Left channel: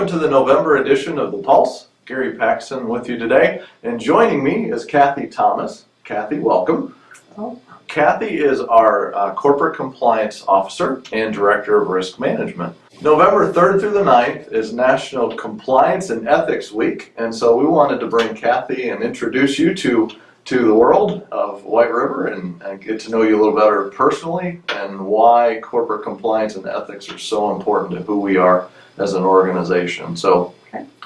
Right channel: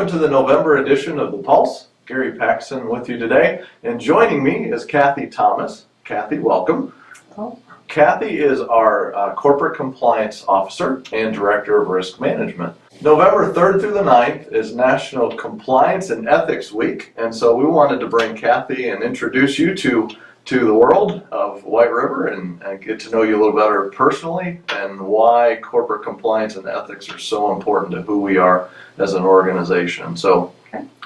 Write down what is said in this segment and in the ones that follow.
Welcome to the November edition of The Pulse. Gary Paxson with you today, and joining me is Kathy Thomas. Kathy, welcome. Oh. Kathy is our Corporate Compliance Officer and Director of Risk Management. November 3rd through the 9th is National Compliance and Ethics Week, and so we wanted to bring Kathy and introduce you to the world of White River and get to know you a little better personally and why corporate compliance and ethics are so important to who we are as an organization. So,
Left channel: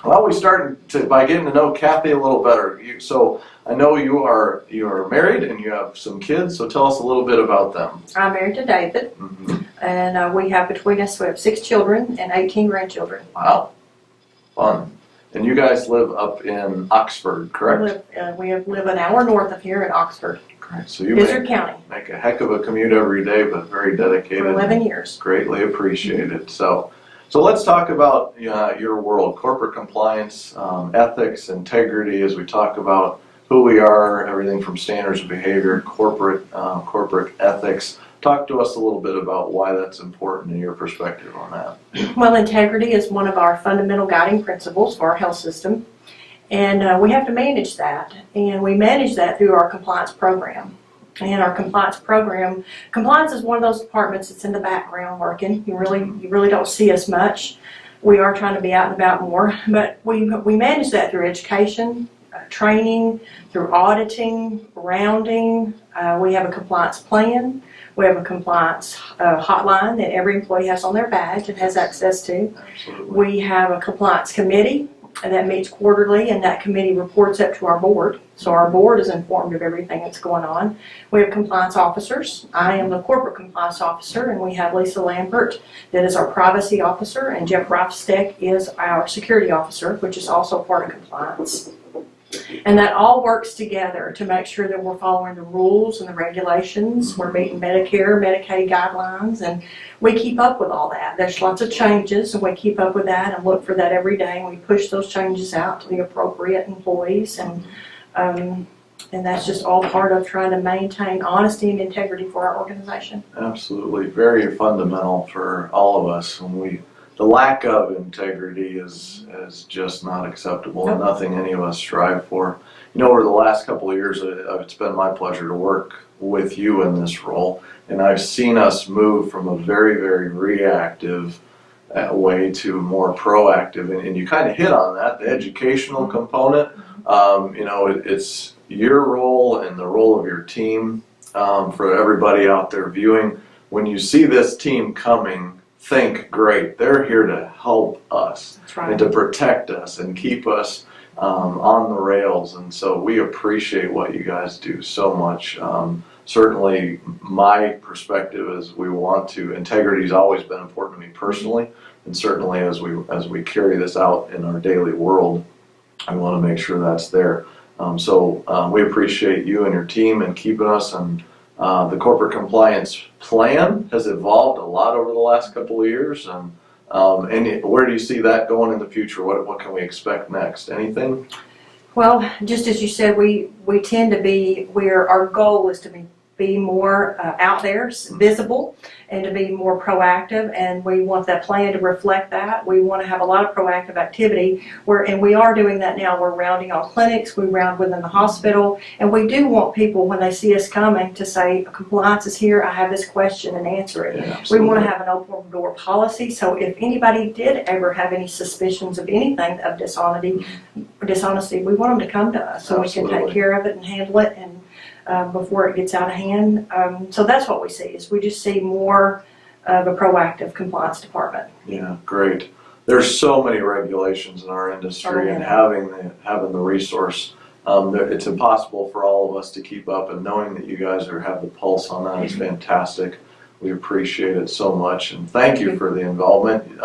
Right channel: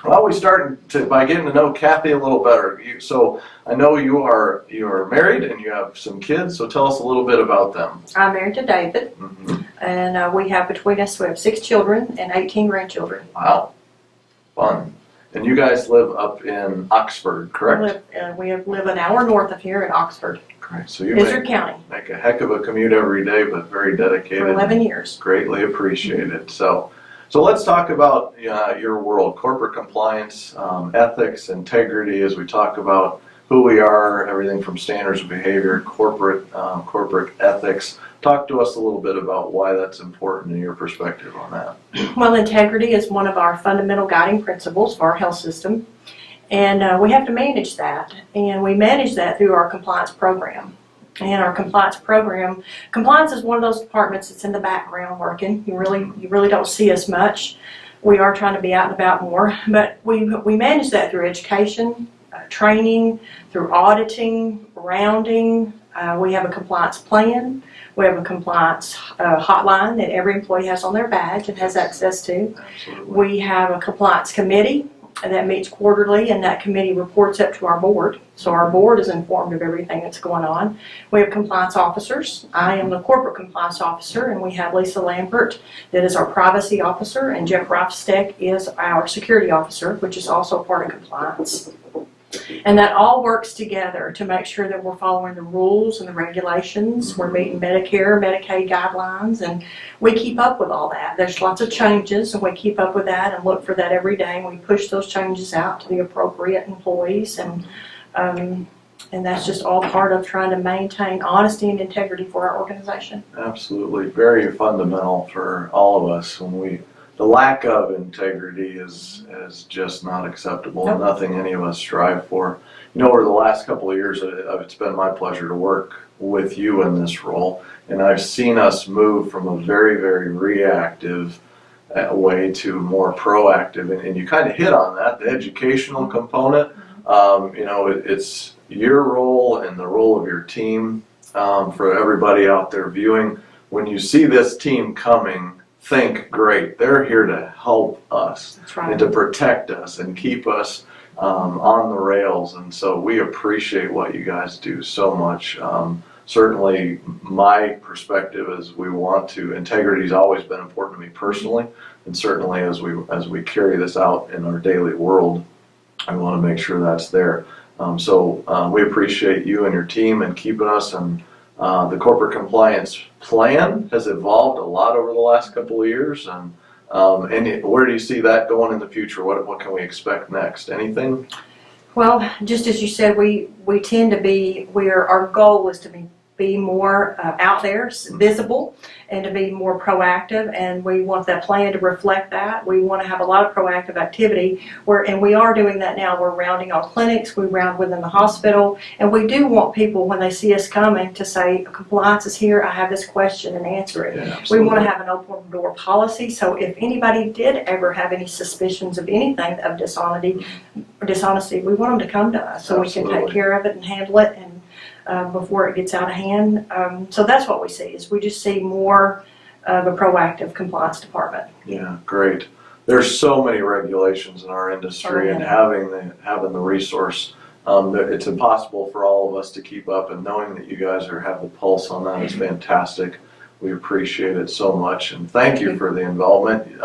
well, we start by getting to know Kathy a little better. So I know you are married and you have some kids, so tell us a little bit about them. I'm married to David, and we have 6 children and 18 grandchildren. Wow, fun. And you guys live up in Oxford, correct? We live an hour north of here in Oxford. Correct. So you County. make a heck of a commute every day, but very dedicated. For 11 years. Greatly appreciated. So let's talk about your world, corporate compliance, ethics, integrity, as we talk about who we are, everything from standards of behavior, corporate ethics. Talk to us a little bit about why that's important in your perspective on that. Well, integrity is one of our fundamental guiding principles for our health system, and we have to manage that, and we manage that through our compliance program. And our compliance program, compliance is one of those departments that's in the background working. You really don't see us much. We are trying to be out and about more, but we manage that through education, training, through auditing, rounding. We have a compliance plan. We have a compliance hotline that every employee has on their badge and has access to. Absolutely. We have a compliance committee that meets quarterly, and that committee reports up to our board. So our board is informed of everything that's going on. We have compliance officers. I am the corporate compliance officer, and we have Lisa Lambert that is our privacy officer, and Jeff Reifsteck is our security officer, which is also part of compliance. And that all works together to make sure that we're following the rules and the regulations. We're meeting Medicare, Medicaid guidelines, and we keep up with all that. There's lots of changes, and we keep up with that and look for that every day, and we push those changes out to the appropriate employees, and that's just all part of trying to maintain honesty and integrity for our organization. Absolutely. Very fundamental for all of us. The lack of integrity is just not acceptable, and nothing any of us strive for. Over the last couple of years, it's been my pleasure to work with you in this role, and I've seen us move from a very, very reactive way to more proactive, and you kind of hit on that, the educational component. It's your role and the role of your team for everybody out there viewing. When you see this team coming, think, great, they're here to help us. That's right. And to protect us and keep us on the rails, and so we appreciate what you guys do so much. Certainly my perspective is integrity's always been important to me personally, and certainly as we carry this out in our daily world, I want to make sure that's there. We appreciate you and your team and keeping us, and the corporate compliance plan has evolved a lot over the last couple of years, and where do you see that going in the future? What can we expect next? Anything? Well, just as you said, we tend to be our goal is to be more out there, visible, and to be more proactive, and we want that plan to reflect that. We want to have a lot of proactive activity, and we are doing that now. We're rounding on clinics, we round within the hospital, and we do want people, when they see us coming, to say, compliance is here, I have this question, and answer it. Yeah, we want to have an open door policy, so if anybody did ever have any suspicions of anything of dishonesty, we want them to come to us so we can take care of it and handle it, and before it gets out of hand. So that's what we see, is we just see more of a proactive compliance department. Yeah, great. There's so many regulations in our industry, and having the resource, it's impossible for all of us to keep up, and knowing that you guys have the pulse on that is fantastic. We appreciate it so much, and thank you for the involvement.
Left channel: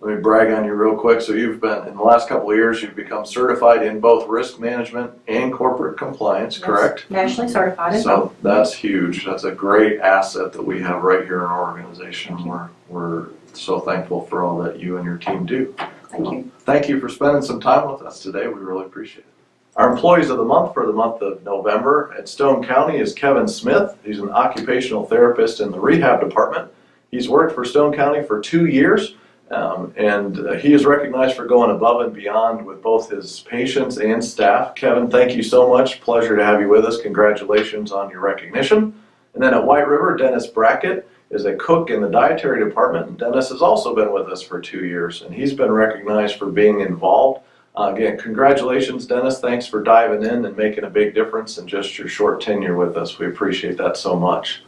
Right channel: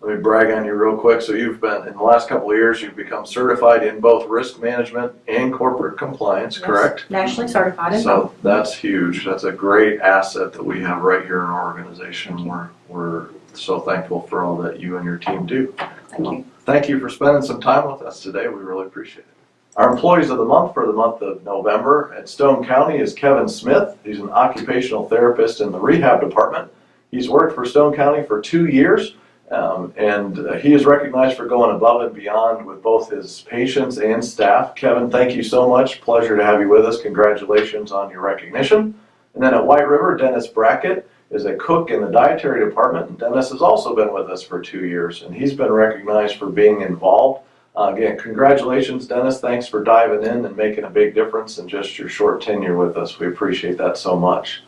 Let me brag on you real quick. So you've been, in the last couple of years, you've become certified in both risk management and corporate compliance, correct? Nationally certified in both. So that's huge. That's a great asset that we have right here in our organization. We're so thankful for all that you and your team do. Thank you. Thank you for spending some time with us today. We really appreciate it. Our employees of the month for the month of November at Stone County is Kevin Smith. He's an occupational therapist in the rehab department. He's worked for Stone County for 2 years He is recognized for going above and beyond with both his patients and staff. Kevin, thank you so much. Pleasure to have you with us. Congratulations on your recognition. And then at White River, Dennis Brackett is a cook in the dietary department. And Dennis has also been with us for 2 years, and he's been recognized for being involved. Again, congratulations, Dennis. Thanks for diving in and making a big difference in just your short tenure with us. We appreciate that so much.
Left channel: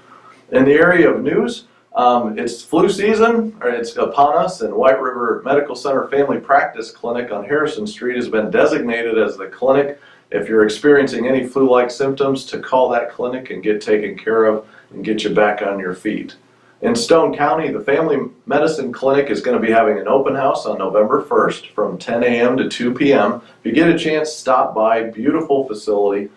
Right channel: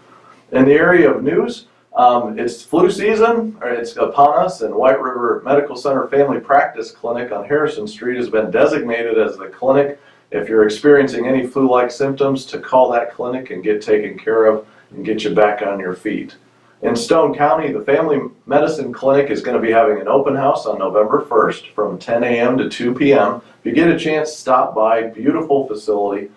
In the area of news, it's flu season, or it's upon us, and White River Medical Center Family Practice Clinic on Harrison Street has been designated as the clinic. If you're experiencing any flu-like symptoms, to call that clinic and get taken care of and get you back on your feet. In Stone County, the Family Medicine Clinic is going to be having an open house on November 1st from 10 a.m. to 2 p.m. If you get a chance, stop by. Beautiful facility.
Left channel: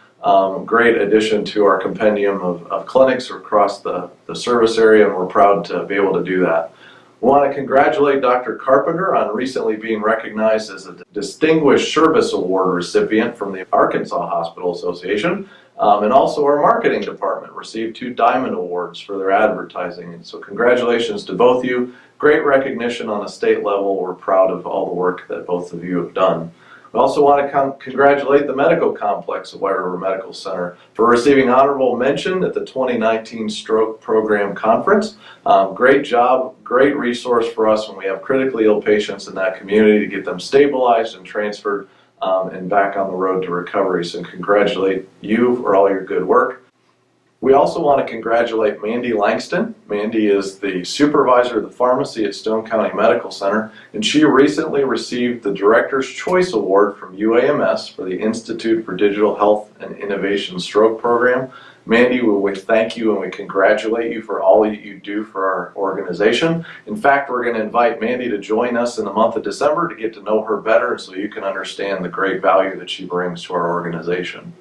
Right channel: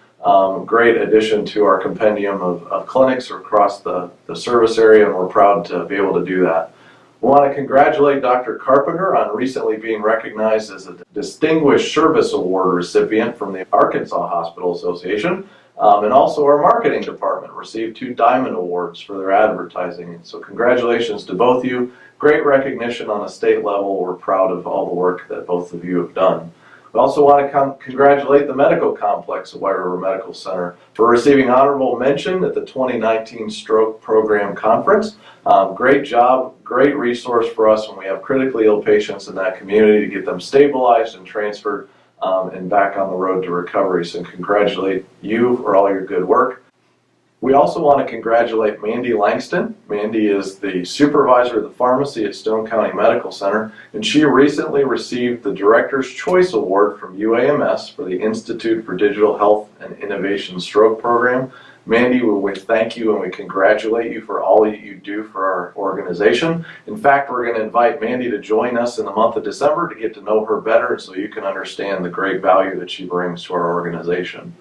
Great addition to our compendium of clinics across the service area, and we're proud to be able to do that. We want to congratulate Dr. Carpenter on recently being recognized as a Distinguished Service Award recipient from the Arkansas Hospital Association. And also our marketing department received 2 Diamond Awards for their advertising. And so congratulations to both of you. Great recognition on a state level. We're proud of all the work that both of you have done. We also want to congratulate the medical complex of White River Medical Center for receiving honorable mention at the 2019 Stroke Program Conference. Great job, great resource for us when we have critically ill patients in that community to get them stabilized and transferred and back on the road to recovery. So congratulate you for all your good work. We also want to congratulate Mandy Langston. Mandy is the supervisor of the pharmacy at Stone County Medical Center, and she recently received the Director's Choice Award from UAMS for the Institute for Digital Health and Innovation Stroke Program. Mandy, we thank you and we congratulate you for all that you do for our organization. In fact, we're going to invite Mandy to join us in the month of December to get to know her better so you can understand the great value that she brings to our organization.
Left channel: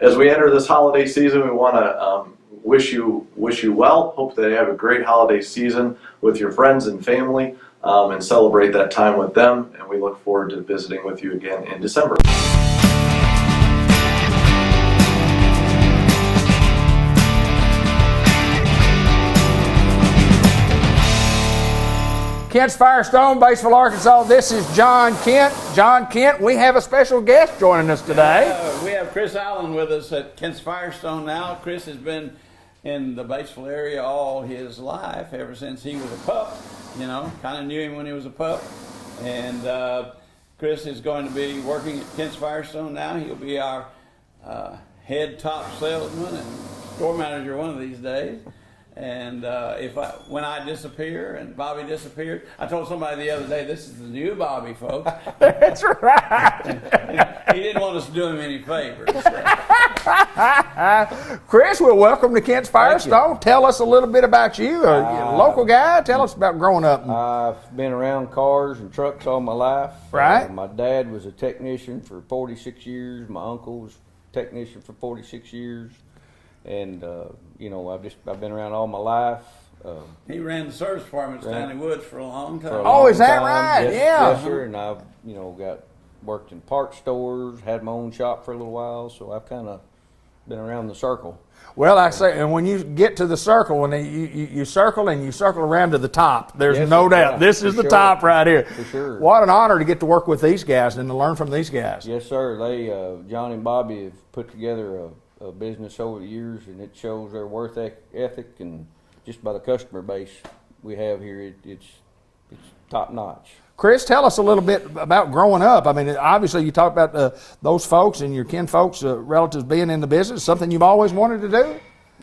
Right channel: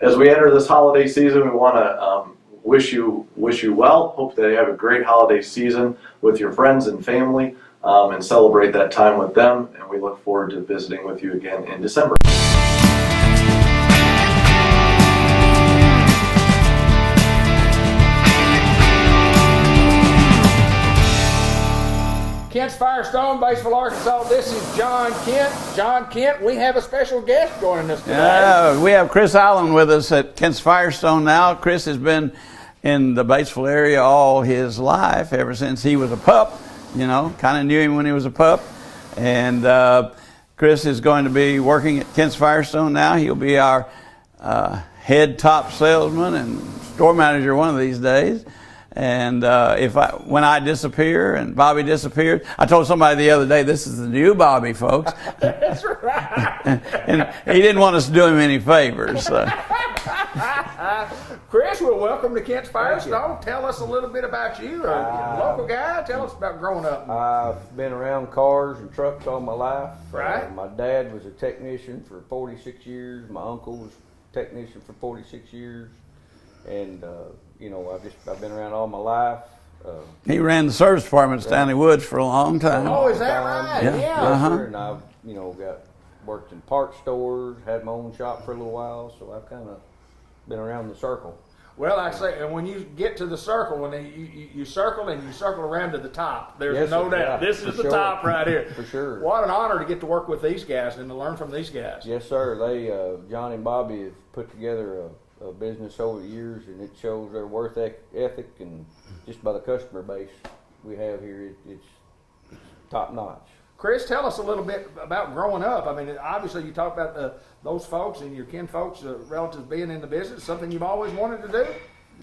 As we enter this holiday season, we want to wish you well. Hope that you have a great holiday season with your friends and family and celebrate that time with them. And we look forward to visiting with you again in December. Kent's Firestone, Batesville, Arkansas. This is John Kent. John Kent, we have a special guest joining us today. We have Chris Allen with us at Kent's Firestone now. Chris has been in the Batesville area all his life, ever since he was a pup. You know, kind of knew him when he was a pup. And Chris is going to be working at Kent's Firestone now. He'll be our head top salesman and store manager one of these days. And when I disappear and Bobby disappeared, I told somebody the other day, this is the new Bobby, folks. That's right. And he didn't want us to do him any favors. So. Chris, well, welcome to Kent's Firestone. Tell us a little bit about you, a local guy. Tell us about growing up. I've been around cars and trucks all my life. Right. My dad was a technician for 46 years. My uncle was a technician for 46 years. And, you know, I've been around all my life. He ran the service department at Stanley Woods for a long time. Oh, is that right? Yeah. Yes, sir. And I've, you know, worked in parts stores, had my own shop for a little while, so I've kind of been around the circle. Well, I say, and when you get to the circle, when you circle and you circle around to the top, there's Yes, no sir. doubt. Yeah, This is for the sure. top right here. For sure. What an honor to get to work with these guys and to learn from these guys. Yes, sir. They, John and Bobby have put together a business over the years, and it shows their work ethic, and just by the customer base we have here, it's top notch. Chris, tell us a little bit about growing up. I mean, obviously you talk about those folks and your kin folks, relatives being in the business, something you've always wanted to do?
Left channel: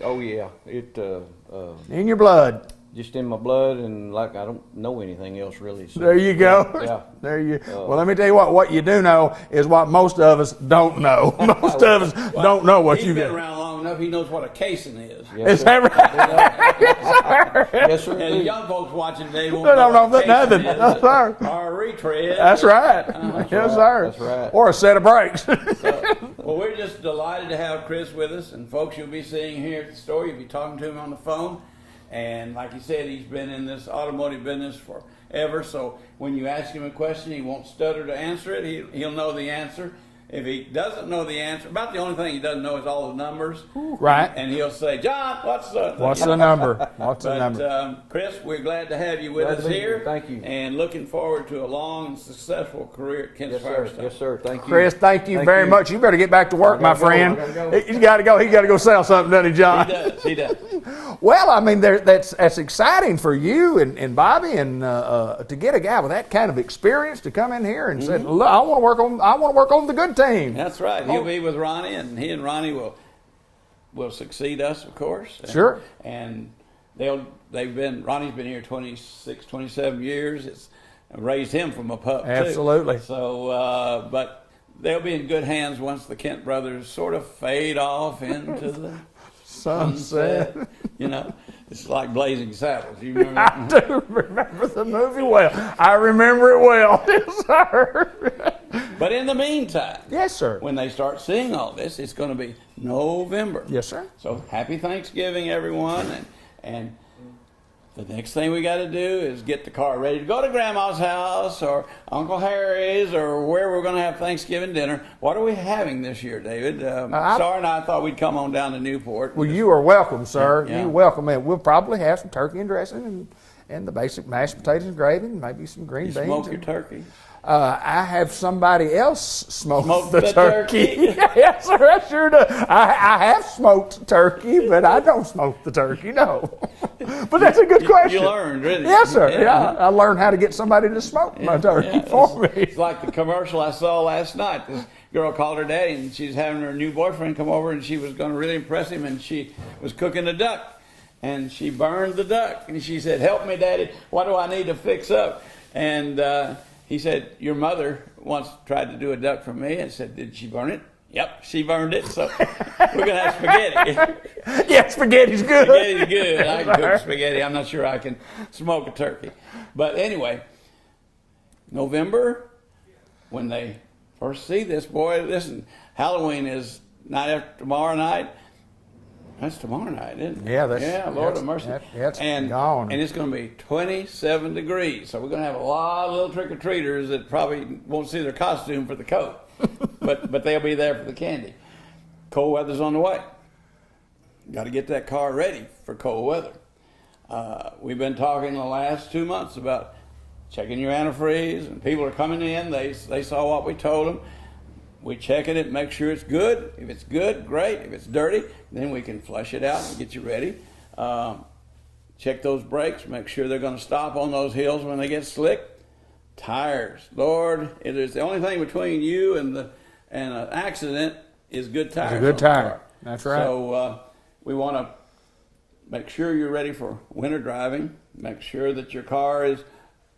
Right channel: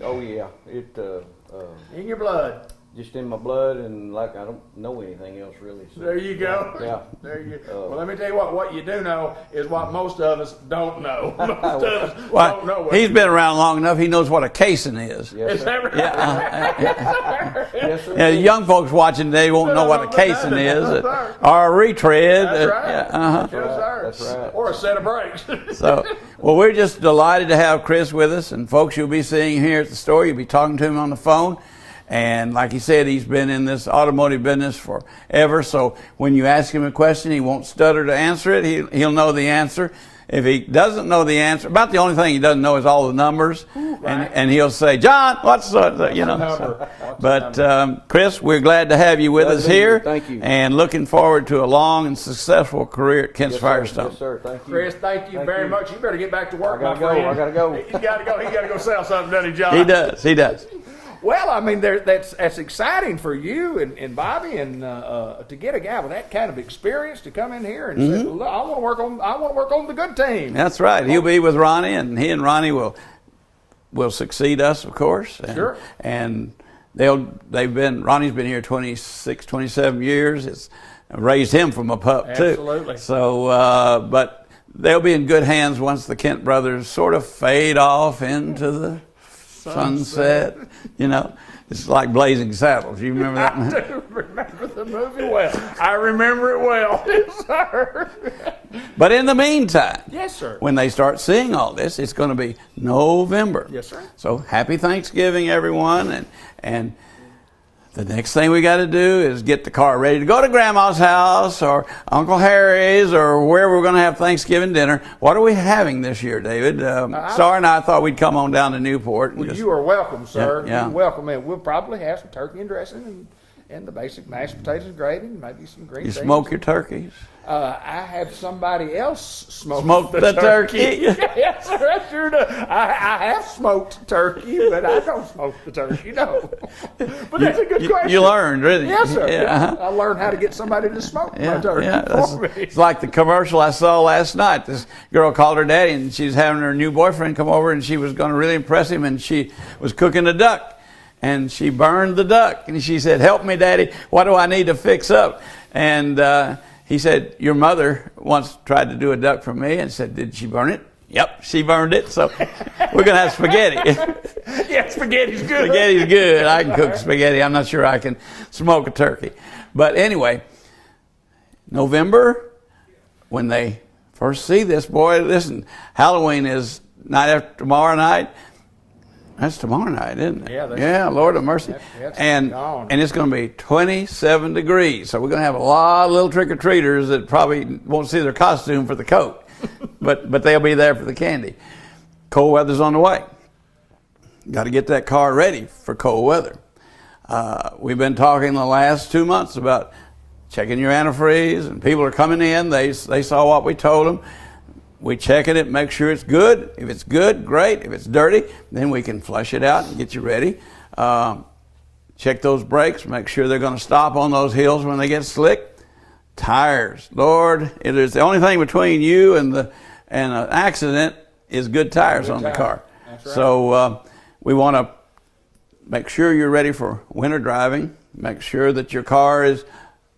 Oh yeah, In your blood. just in my blood, and like I don't know anything else really. So. There you go. Yeah. There you. Well, let me tell you what you do know is what most of us don't know. Most of us don't know what He's you been do. around long enough. He knows what a casing is. Yes, Is sir. that right? Yes, sir. Yeah, young folks watching today won't They know don't what know a casing nothing. is, Yes, sir. or a retread. That's right. Yes, sir. That's right. Or a set of brakes. So, well, we're just delighted to have Chris with us, and folks you'll be seeing here at the store. You'll be talking to him on the phone. And like he said, he's been in this automotive business forever. So when you ask him a question, he won't stutter to answer it. He'll know the answer. If he doesn't know the answer, about the only thing he doesn't know is all the numbers. Right. And he'll say, John, what's the number? What's the But number? Chris, we're glad to have you with Glad us to be here. here. Thank you. And looking forward to a long and successful career at Kent's Yes, sir. Firestone. Yes, sir. Thank you. Chris, thank you very much. You better get back to work, I my gotta go. friend. I gotta go. He's got to go. He's got to go sell something, doesn't he, John? He does. He does. Well, I mean, that's exciting for you and Bobby, and to get a guy with that kind of experience to come in here and say, "Look, I want to work on the good team." That's right. He'll be with Ronnie, and he and Ronnie will succeed us, of course. Sure. And Ronnie's been here 26, 27 years. It's raised him from a pup too. Absolutely. So, but they'll be in good hands once the Kent brothers sort of fade off into the sunset. You know, it's like Blazing Saddles. You remember that? I do remember the movie well. I remember it well. Yes, sir. But in the meantime, Yes, sir. when they start seeing all this, it's going to be November. Yes, sir. So happy Thanksgiving, everyone. And the next thing we got to do is get the car ready to go to Grandma's house or Uncle Harry's or where we're going to have Thanksgiving dinner. What are we having this year, David? Sarah and I thought we'd come on down to Newport. Well, you are welcome, sir. Yeah. You're welcome. And we'll probably have some turkey and dressing and the basic mashed potatoes and gravy and maybe some green You beans. smoke your turkeys. I have somebody else smoke the turkey. Yes, sir, I sure do. I have smoked turkey, but I don't smoke the turkey, no. But that's a good question. You learned, really. Yes, sir. Yeah. Yeah, I learned how to get somebody to smoke my turkey for me. It's like the commercial I saw last night. This girl called her daddy, and she's having her new boyfriend come over, and she was going to really impress him, and she was cooking a duck, and she burned the duck, and she said, "Help me, Daddy. What do I need to fix up?" And he said, "Your mother once tried to do a duck for me," and said, "Did she burn it?" "Yep, she burned it." So we're going to have spaghetti. Yeah, spaghetti's good. Spaghetti's good. I can cook spaghetti. I'm not sure I can smoke a turkey. But anyway, November, when they first see this, boy, listen, Halloween is night after tomorrow night. That's tomorrow night, isn't it? Yeah, Lord of mercy. that's and gone. it's going to be 27 degrees. So we're going to have a lot of little trick-or-treaters that probably won't see their costume for the coat. but they'll be there for the candy. Cold weather's on the way. Got to get that car ready for cold weather. We've been talking the last 2 months about checking your antifreeze, and people are coming in. They saw what we told them. We checking it, make sure it's good. If it's good, great. If it's dirty, then we can flush it out and get you ready. Check those brakes, make sure they're going to stop on those hills when they get slick. Tires, Lord, it is the only thing between you and an accident is good tires on the car. That's right. So we want to make sure you're ready for winter driving. Make sure that your car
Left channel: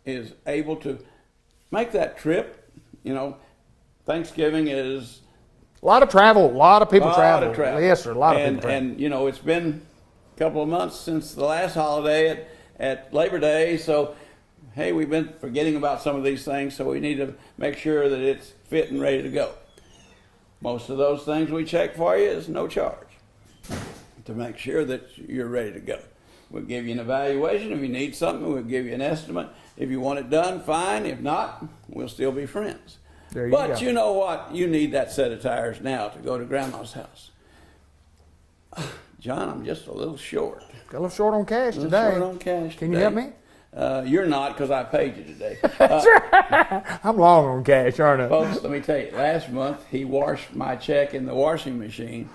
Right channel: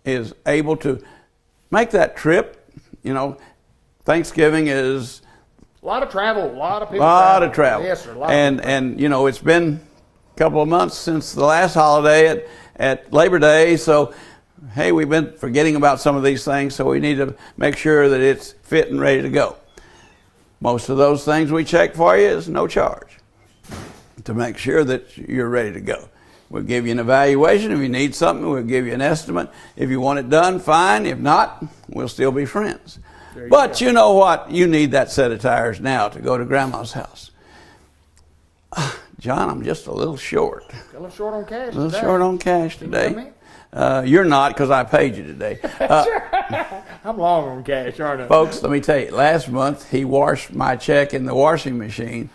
is able to make that trip. You know, Thanksgiving is A lot of travel, a lot of people a travel. lot of travel. Yes, sir, a lot of people travel. And you know, it's been a couple of months since the last holiday at Labor Day, so hey, we've been forgetting about some of these things, so we need to make sure that it's fit and ready to go. Most of those things we check for you is no charge to make sure that you're ready to go. We'll give you an evaluation. If you need something, we'll give you an estimate. If you want it done, fine. If not, we'll still be friends. But you know what? You need that set of tires now to go to Grandma's house. John, I'm just a little short. A little short on cash A little today. short on cash Can today. you help me? You're not, because I paid you today. I'm long on cash, aren't I? Folks, let me tell you, last month he washed my check in the washing machine.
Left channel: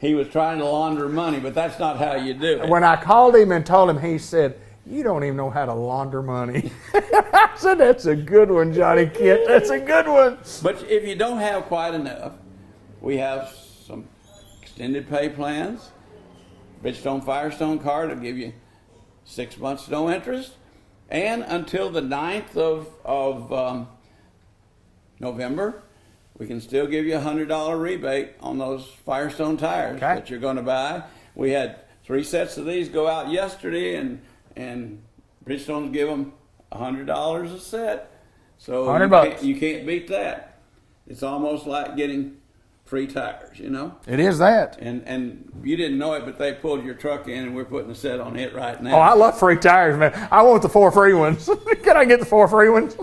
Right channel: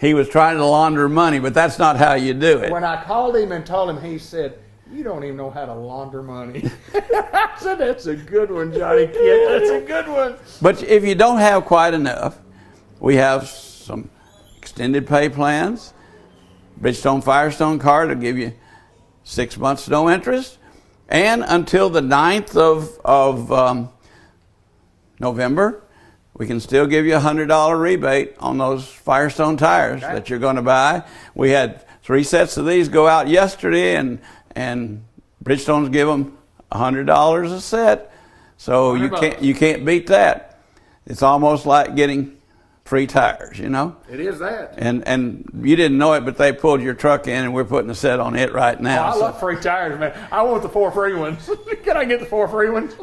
He was trying to launder money, but that's not how you do it. When I called him and told him, he said, "You don't even know how to launder money." I said, "That's a good one, Johnny Kent. That's a good one." But if you don't have quite enough, we have some extended pay plans. Bridgestone Firestone card will give you 6 months no interest. And until the 9th of November, we can still give you a $100 rebate on those Firestone tires that you're going to buy. We had 3 sets of these go out yesterday, and Bridgestone's give them $100 a set. So you can't beat that. It's almost like getting free tires, you know? It is that. And you didn't know it, but they pulled your truck in, and we're putting a set on it right Oh, now. I love free tires, man. I want the 4 free ones. Can I get the 4 free ones?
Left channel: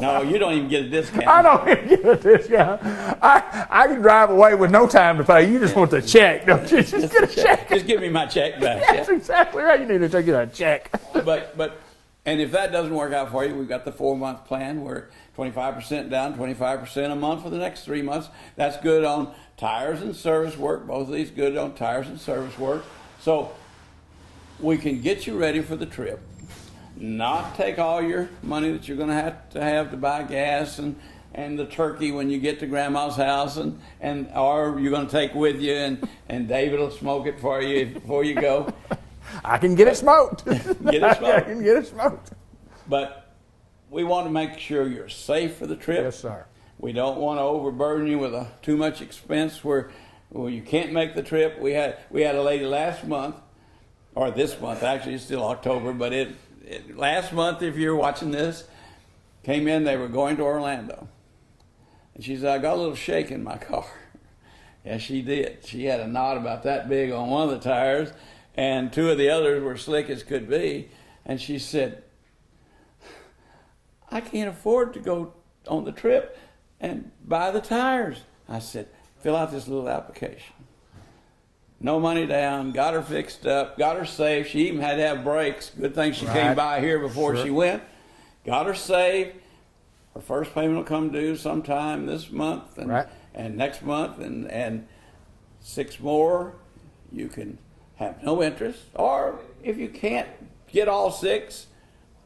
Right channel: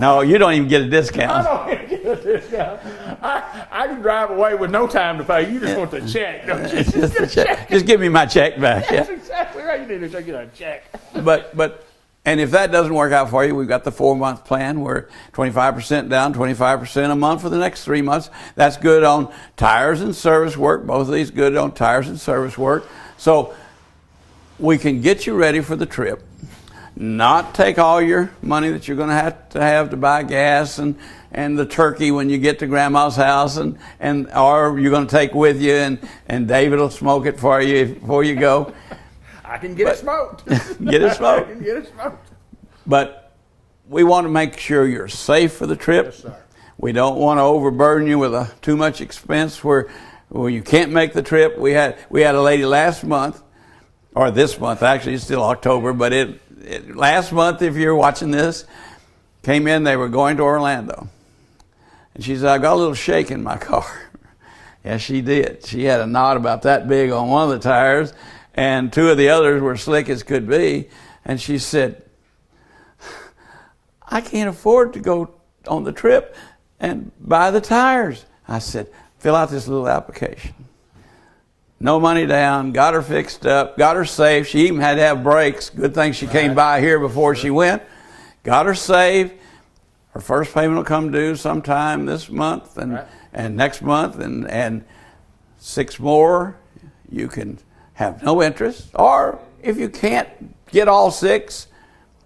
No, you don't even get a discount. I don't even get a discount. I can drive away with no time to pay. You just want the check, don't you? Just a check. Just give me my check back. That's exactly right. You need to take it a check. And if that doesn't work out for you, we've got the 4-month plan where 25% down, 25% a month for the next 3 months. That's good on tires and service work. Both of these good on tires and service work. So we can get you ready for the trip. Not take all your money that you're going to have to buy gas and the turkey when you get to grandma's house or you're going to take with you and David will smoke it for you before you go. I can get it smoked. Get it smoked. I can get it smoked. But we want to make sure you're safe for the trip. Yes, sir. We don't want to overburden you with too much expense where you can't make the trip. We had a lady last month, or this month actually, it's still October, but last month, if you're watching this, came in, they were going to Orlando. And she said, I got a little shake in my car. Yes, she did. She had a knot about that big on one of the tires, and 2 of the others were slick as could be. And she said, I can't afford to go on the trip and buy the tires. I said, fill out this little application. No money down, got her fixed up, got her safe. She even had to have brakes. Good thing she came by here before she went. Got her safe. Her first payment will come due sometime this month and next month and 6 more. You can have no interest. Or if you can't get all 6,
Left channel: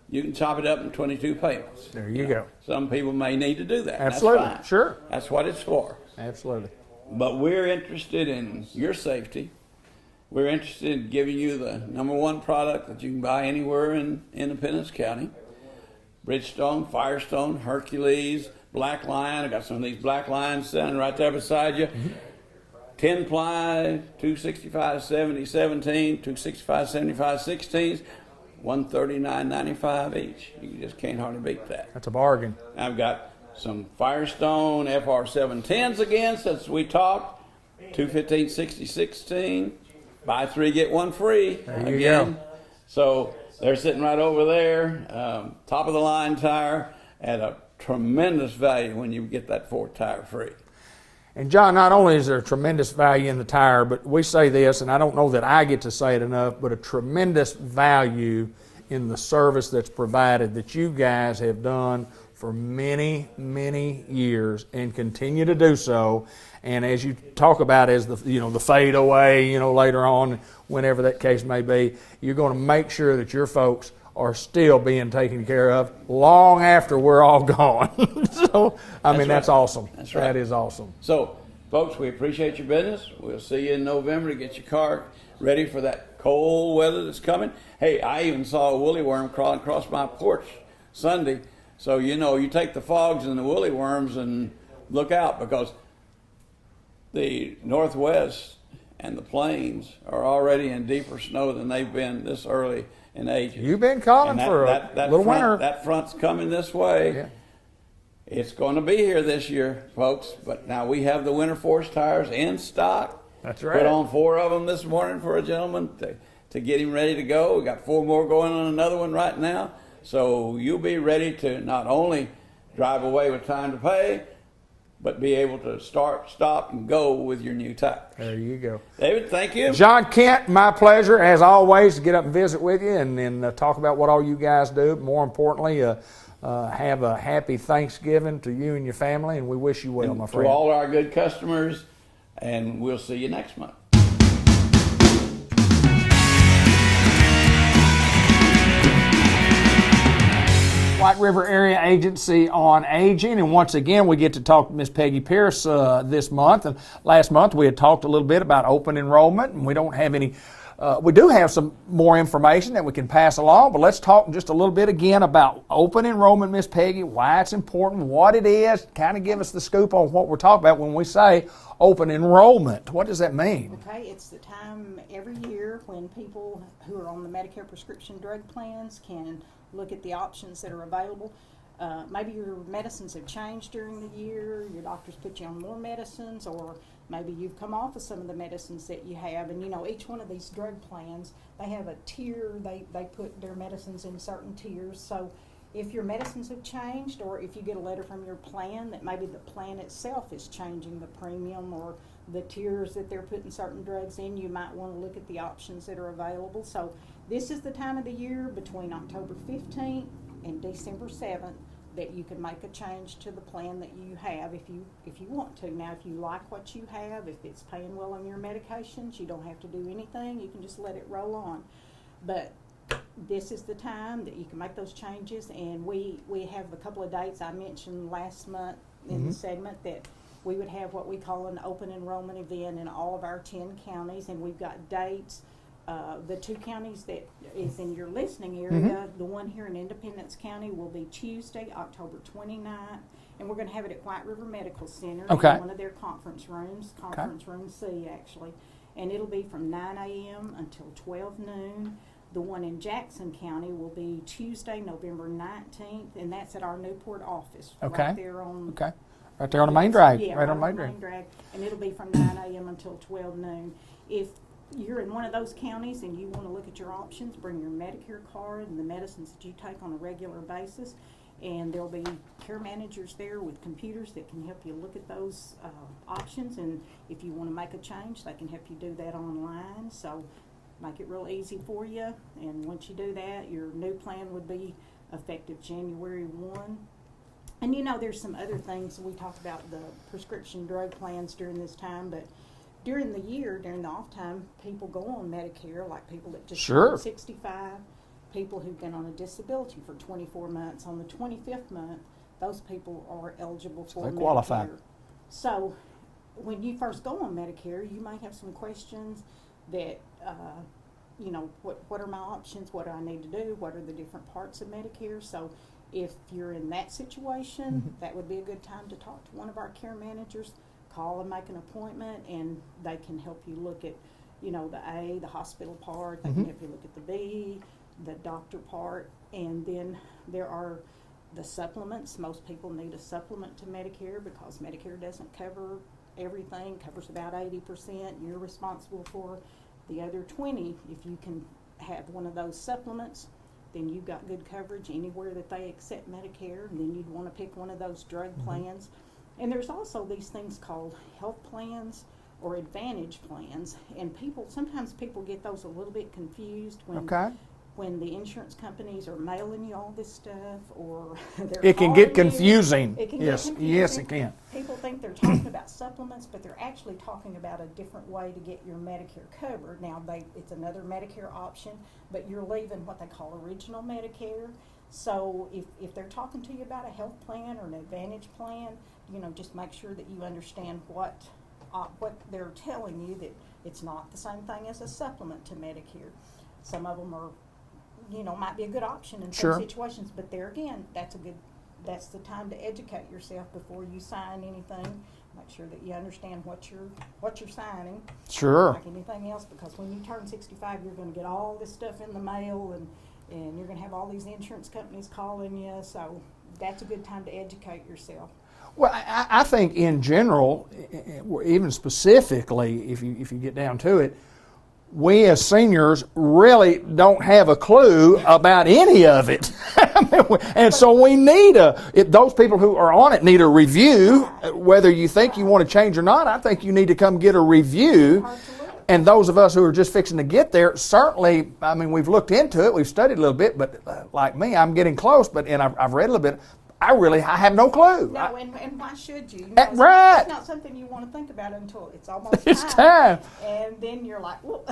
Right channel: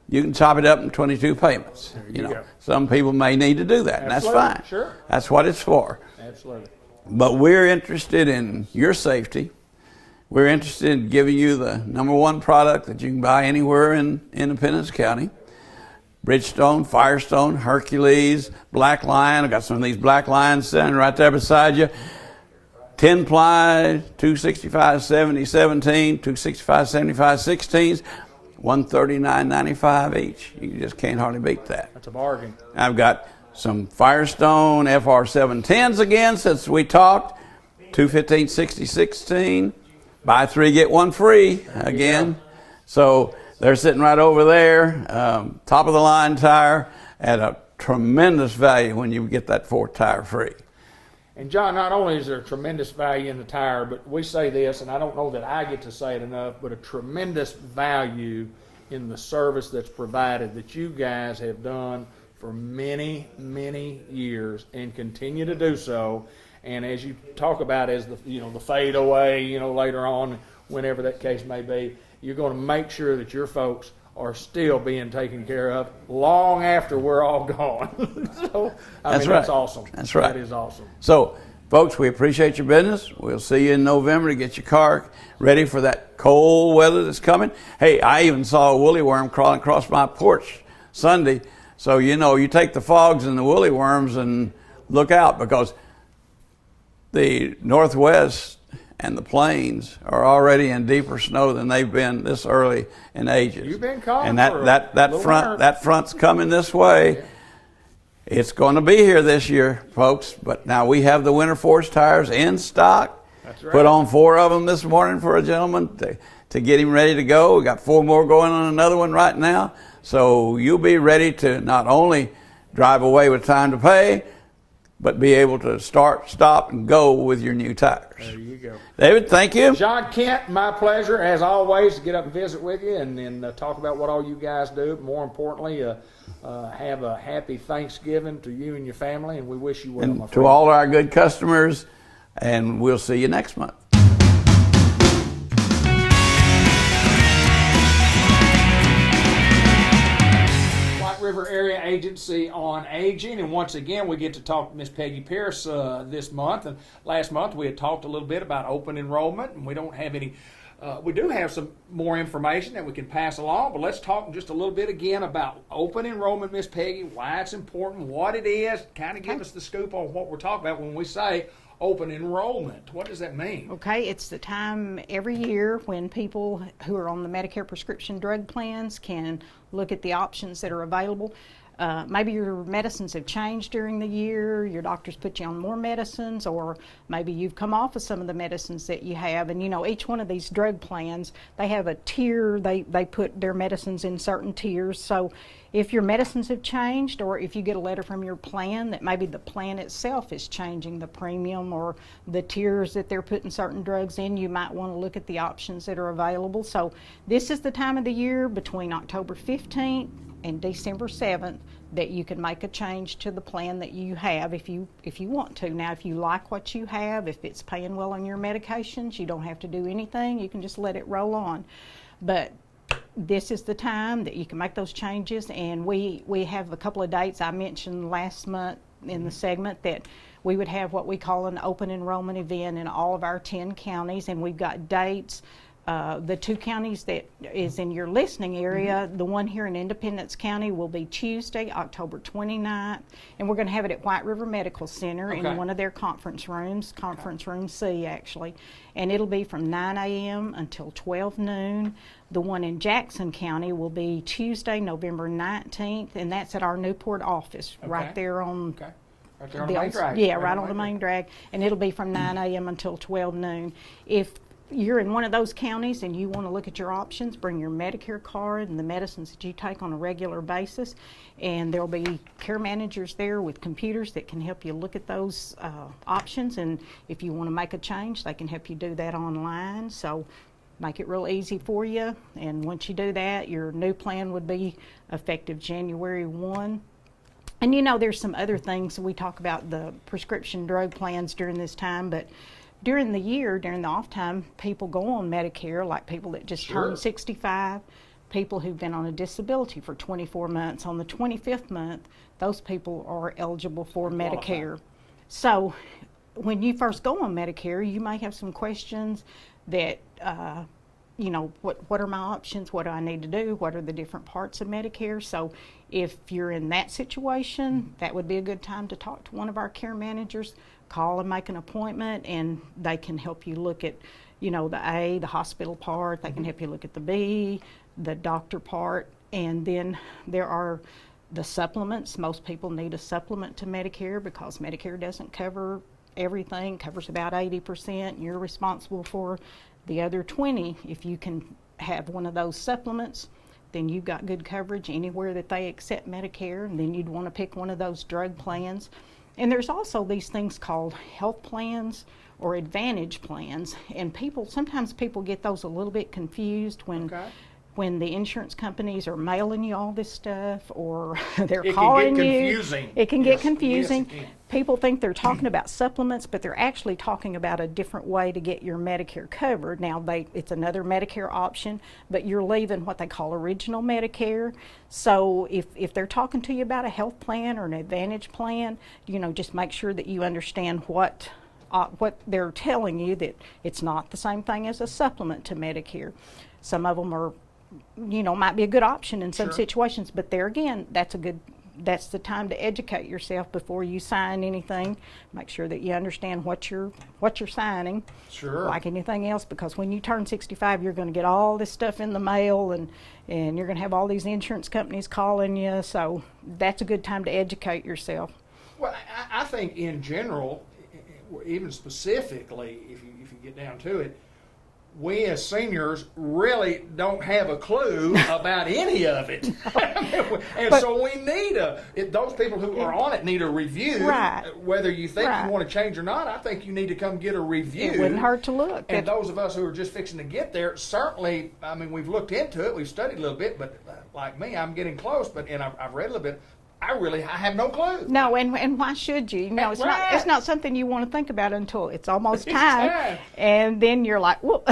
you can chop it up in 22 payments. There you go. Some people may need to do that, and that's Absolutely. fine. Sure. That's what it's for. Absolutely. But we're interested in your safety. We're interested in giving you the #1 product that you can buy anywhere in Independence County. Bridgestone, Firestone, Hercules, Black Lion. I've got some of these Black Lions sitting right there beside you. 10-ply, 265/70 17, 265/75 16s, $139.95 each. You just can't hardly beat that. That's a bargain. I've got some Firestone FR710s again since we talked. 215/60 16. Buy 3, get 1 free again. So they're sitting right over there. Top of the line tire at a tremendous value when you get that 4th tire free. And John, not only is there tremendous value in the tire, but we say this, and I don't know that I get to say it enough, but a tremendous value in the service that's provided that you guys have done for many, many years and continue to do so. And as you talk about as the fade away, later on, whenever that case may be, you're going to make sure that your folks are still being taken care of long after we're all gone. So, that's awesome. That's right. That is awesome. So, folks, we appreciate your business. We'll see you in November to get your car ready for that cold weather that's coming. Hey, I even saw a woolly worm crawling across my porch Sunday. So, you take the fogs and the woolly worms and look out, because the Northwest and the plains are already in deeper snow than they've been this early in ages. You've been calling and for that front's coming this way. Yeah. It's going to be here this year, folks. But now we have the Winter Force tires in stock. That's right. Put on 4 of them this morning for a gentleman to get him ready to go. We got 4 more going on another one right now. So you'll be ready to not only drive away with time to pay, but be able to start, stop, and go with your new tires. There you go. David, thank you. John Kent, my pleasure, as always, to get up and visit with you and talk about what all you guys do. More importantly, have a happy Thanksgiving to you and your family, and we wish you well, my friend. To all our good customers, and we'll see you next month. White River Area Agency on Aging, and once again we get to talk to Miss Peggy Pierce this month. And last month we had talked a little bit about open enrollment, and we don't have any. We do have some more information that we can pass along, but let's talk just a little bit again about open enrollment, Miss Peggy, why it's important, what it is, kind of give us the scoop on what we're talking about when we say open enrollment. What does that mean? Okay, it's the time every year when people who are on the Medicare prescription drug plans can look at the options that are available. Maybe your medicines have changed during the year, your doctors put you on more medicines, or maybe you've come off of some of the medicines that you have. And each one of these drug plans, they have a tier, they put their medicines in certain tiers. So if your medicines have changed, or if you get a letter from your plan that maybe the plan itself is changing the premium or the tiers that they're putting certain drugs in, you might want to look at the options that are available. So this is the time of the year between October 15th and December 7th that you can make a change to the plan that you have if you want to. Now, if you like what you have, if it's paying well on your medications, you don't have to do anything. You can just let it roll on. But this is the time that you can make those changes, and we have a couple of dates I mentioned last month in the segment that we would have what we call an open enrollment event in all of our 10 counties, and we've got dates. The 2 counties that is in your listening area, the one here in Independence County will be Tuesday, October 29th, and we're going to have it at White River Medical Center in one of their conference rooms, conference room C actually, and it'll be from 9 a.m. until 12 noon. The one in Jackson County will be Tuesday, November 19th, and that's at our Newport office, right there on right there on the main drag. Yeah, right on the main drag, and it'll be from 9 a.m. until 12 noon. If you're in one of those counties and you want to look at your options, bring your Medicare card and the medicines that you take on a regular basis, and there'll be care managers there with computers that can help you look at those options, and if you want to make a change, they can help you do that online. So make it real easy for you, and once you do that, your new plan would be effective January 1. And you know, there's some other things. We talk about the prescription drug plans during this time, but during the year, during the off time, people go on Medicare, like people that just turned 65, people who've been on a disability for 24 months. On the 25th month, those people are eligible for Medicare. So when you first go on Medicare, you may have some questions that, you know, what are my options? What do I need to do? What are the different parts of Medicare? So if you're in that situation, that would be a good time to talk to one of our care managers. Call and make an appointment, and they can help you look at, you know, the A, the hospital part. They can help you look at the B, the doctor part, and then there are the supplements. Most people need a supplement to Medicare because Medicare doesn't cover everything, covers about 80%. You're responsible for the other 20. If you can have one of those supplements, then you've got good coverage anywhere that they accept Medicare, and then you'd want to pick one of those drug plans. And there's also these things called health plans or advantage plans, and sometimes people get those a little bit confused when the insurance companies are mailing you all this stuff, or they're calling you. It can get confusing. It can get confusing. Yes, it can. People think they're talking about supplements, but they're actually talking about a different way to get your Medicare covered. Now, it's another Medicare option, but you're leaving what they call original Medicare. So if they're talking to you about a health plan or an advantage plan, you know, just make sure that you understand what they're telling you, that it's not the same thing as a supplement to Medicare. Some of them are, you know, might be a good option in some situations, but there again, that's the time to educate yourself before you sign anything. Make sure that you understand what you're signing. Sure. Like anything else, because when you turn 65, you're going to get all this stuff in the mail, and you're going to have all these insurance companies calling you. So that's a good time to educate yourself. Well, I think in general, even specifically, if you get down to it, we as seniors really don't have a clue about any of it. So we need those people who are on it need a review. Right. Whether you think you want to change or not, I think you need to come get a review. It's hard to look. And those of us who are just fixing to get there, certainly, I mean, we've looked into it, we've studied a little bit, but like me, I'm getting close, and I've read a little bit. I have no clue. No, and why should you? No, it's not something you want to think about until it's almost time. And then you're like, well,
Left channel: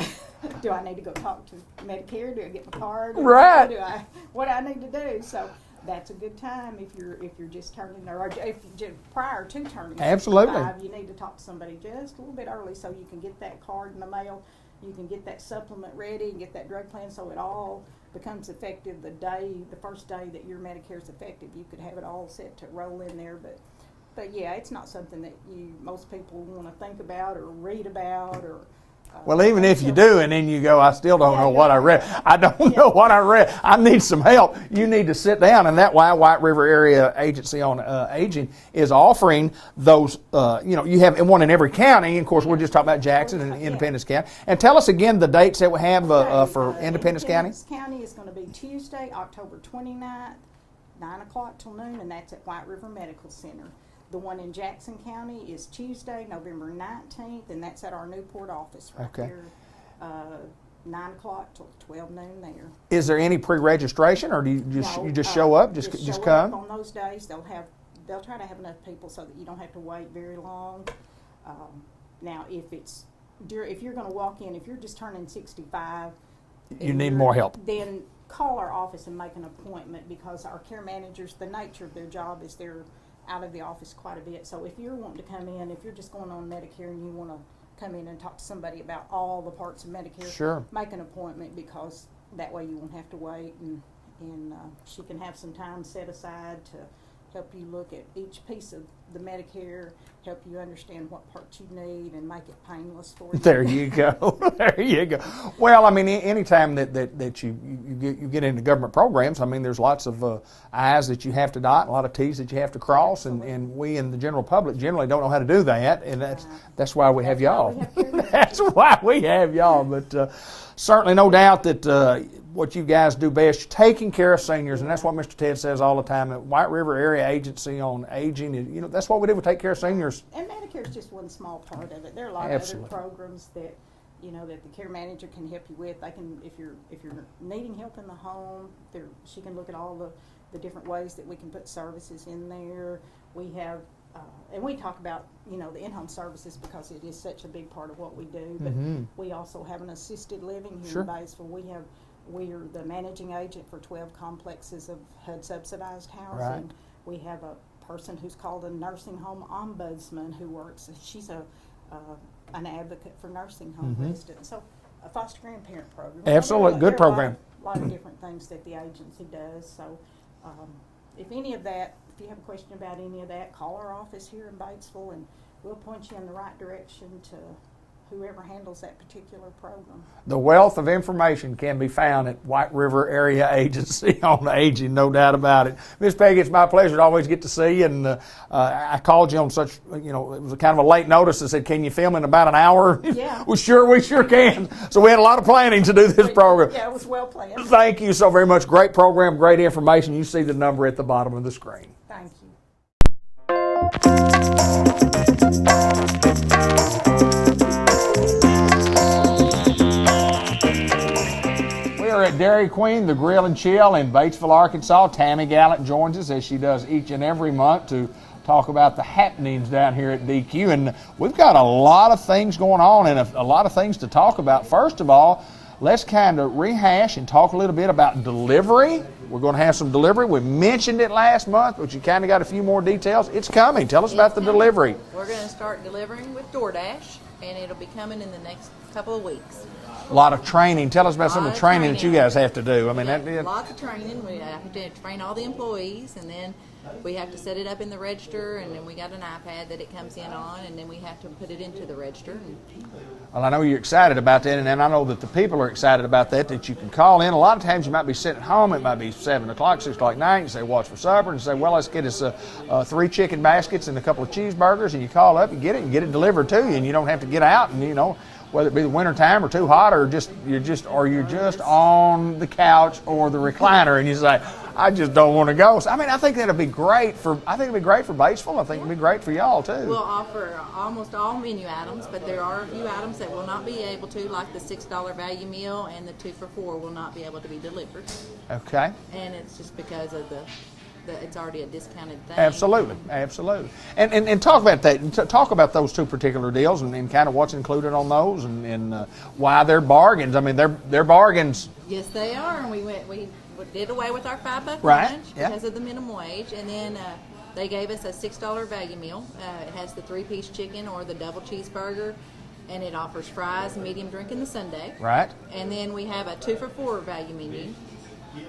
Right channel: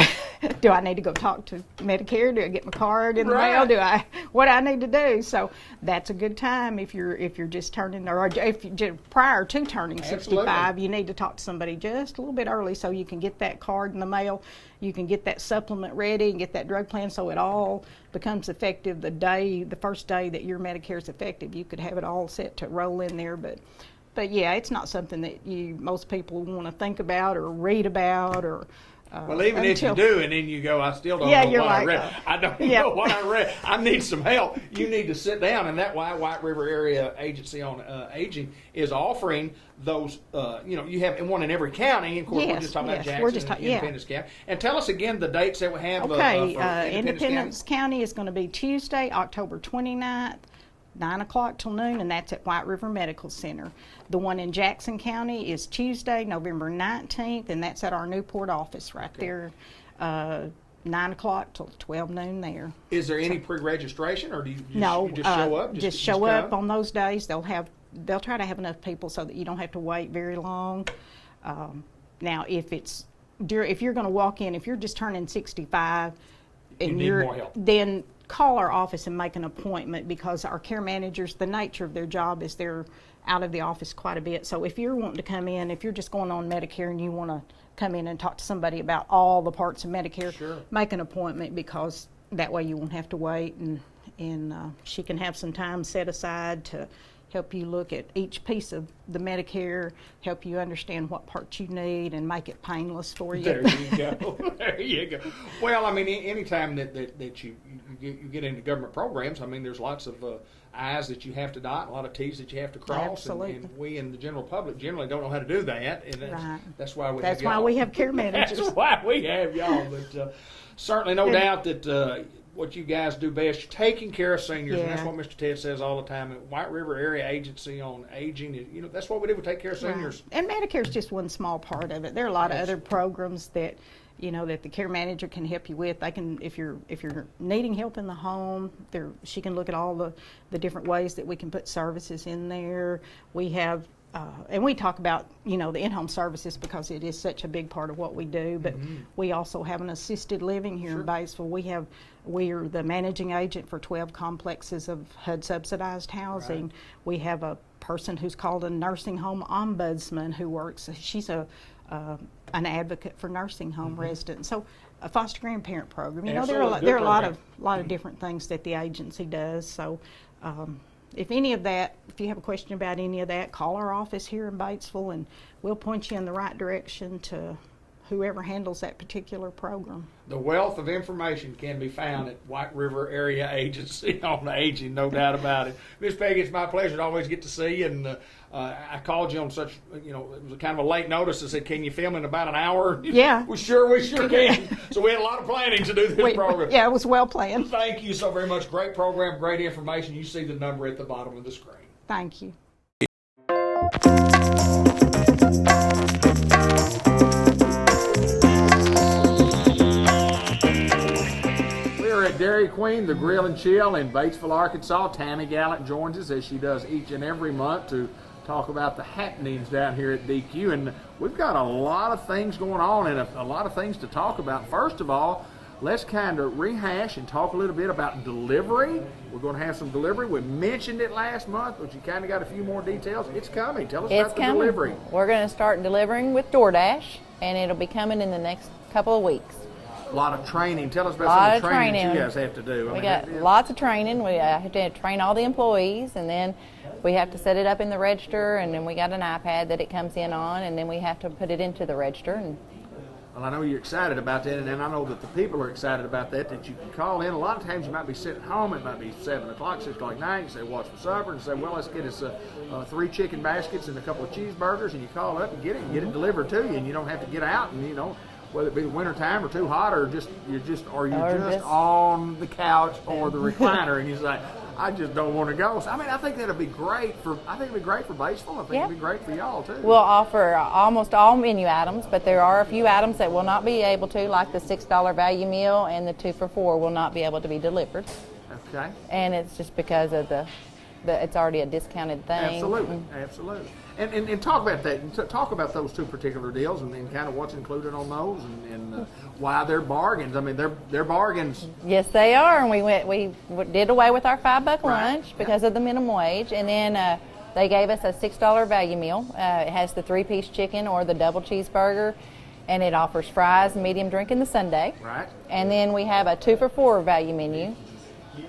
do I need to go talk to Medicare? Do I get my card in the mail? What do I need to do? So that's a good time if you're just turning, or if you prior to turning 65, you need to talk to somebody just a little bit early so you can get that card in the mail. You can get that supplement ready and get that drug plan so it all becomes effective the first day that your Medicare is effective. You could have it all set to roll in there, but yeah, it's not something that most people want to think about or read about or. Well, even if you do, and then you go, I still don't know what I read. I don't know what I read. I need some help. You need to sit down, and that's why White River Area Agency on Aging is offering those. You have one in every county. Of course, we're just talking about Jackson and Independence County. And tell us again the dates that we have for Independence County. Independence County is going to be Tuesday, October 29th. 9 o'clock till noon, and that's at White River Medical Center. The one in Jackson County is Tuesday, November 19th, and that's at our Newport office right there, 9 o'clock till 12 noon there. Is there any pre-registration, or do you just show up? Just show come? up on those days. They'll try to have enough people so that you don't have to wait very long. Now, if you're going to walk in, if you're just turning 65, You need more help. Then call our office and make an appointment, because our care managers, the nature of their job is they're out of the office quite a bit. So if you're wanting to come in, if you're just going on Medicare and you want to come in and talk to somebody about all the parts of Medicare, Sure. make an appointment, because that way you won't have to wait, and she can have some time set aside to help you look at each piece of the Medicare, help you understand what parts you need, and make it painless for you. There you go. There you go. Well, I mean, anytime that you get into government programs, I mean, there's lots of I's that you have to dot, a lot of T's that you have to cross, and we in the general public generally don't know how to do that, and that's why we have y'all. That's why we have care managers. That's why we have y'all. But certainly, no doubt that what you guys do best, taking care of seniors, and that's what Mr. Ted says all the time. At White River Area Agency on Aging, that's what we do. We take care of seniors. And Medicare is just one small part of it. There are a lot of other programs that that the care manager can help you with. They can, if you're needing help in the home, she can look at all the different ways that we can put services in there. We have. And we talk about, the in-home services because it is such a big part of what we do. But we also have an assisted living here in Batesville. We are the managing agent for 12 complexes of HUD subsidized housing. Right. We have a person who's called a nursing home ombudsman who works. She's an advocate for nursing home residents. So a foster grandparent program. Absolutely, good program. A lot of different things that the agency does. So if you have a question about any of that, call our office here in Batesville, and we'll point you in the right direction to whoever handles that particular program. The wealth of information can be found at White River Area Agency on Aging, no doubt about it. Miss Peggy, it's my pleasure to always get to see you, and I called you on such, it was kind of a late notice. I said, can you film in about an hour? Yeah. We sure can. So we had a lot of planning to do this program. Yeah, it was well planned. Thank you so very much. Great program, great information. You see the number at the bottom of the screen. Thank you. At Dairy Queen, the Grill and Chill in Batesville, Arkansas. Tammy Gallant joins us as she does each and every month to talk about the happenings down here at DQ. And we've got a lot of things going on and a lot of things to talk about. First of all, let's kind of rehash and talk a little bit about delivery. We're going to have some delivery. We mentioned it last month, but you kind of got a few more details. It's coming. Tell us about the delivery. We're going to start delivering with DoorDash, and it'll be coming in the next couple of weeks. A lot of training. Tell us about some of the training that you guys have to do. We got lots of training. We have to train all the employees, and then we have to set it up in the register, and then we got an iPad that it comes in on, and then we have to put it into the register. Well, I know you're excited about that, and I know that the people are excited about that you can call in. A lot of times you might be sitting at home. It might be 7 o'clock, 6 o'clock at night. You say, what's for supper? And you say, well, let's get us 3 chicken baskets and a couple of cheeseburgers, and you call up and get it delivered to you, and you don't have to get out and, whether it be the winter time or too hot, or you're just on the couch or the recliner, and you say, I just don't want to go. So, I think that'd be great for Batesville. I think it'd be great for y'all too. We'll offer almost all menu items, but there are a few items that will not be able to, like the $6 value meal and the 2 for $4 will not be able to be delivered. Okay. And it's just because of it's already a discounted thing. Absolutely. And talk about that. Talk about those two particular deals and kind of what's included on those and why they're bargains. They're bargains. Yes, they are. And we did away with our $5 lunch because of the minimum wage, and then they gave us a $6 value meal. It has the 3-piece chicken or the double cheeseburger, and it offers fries, medium drink, and the sundae. Right. And then we have a 2 for $4 value menu.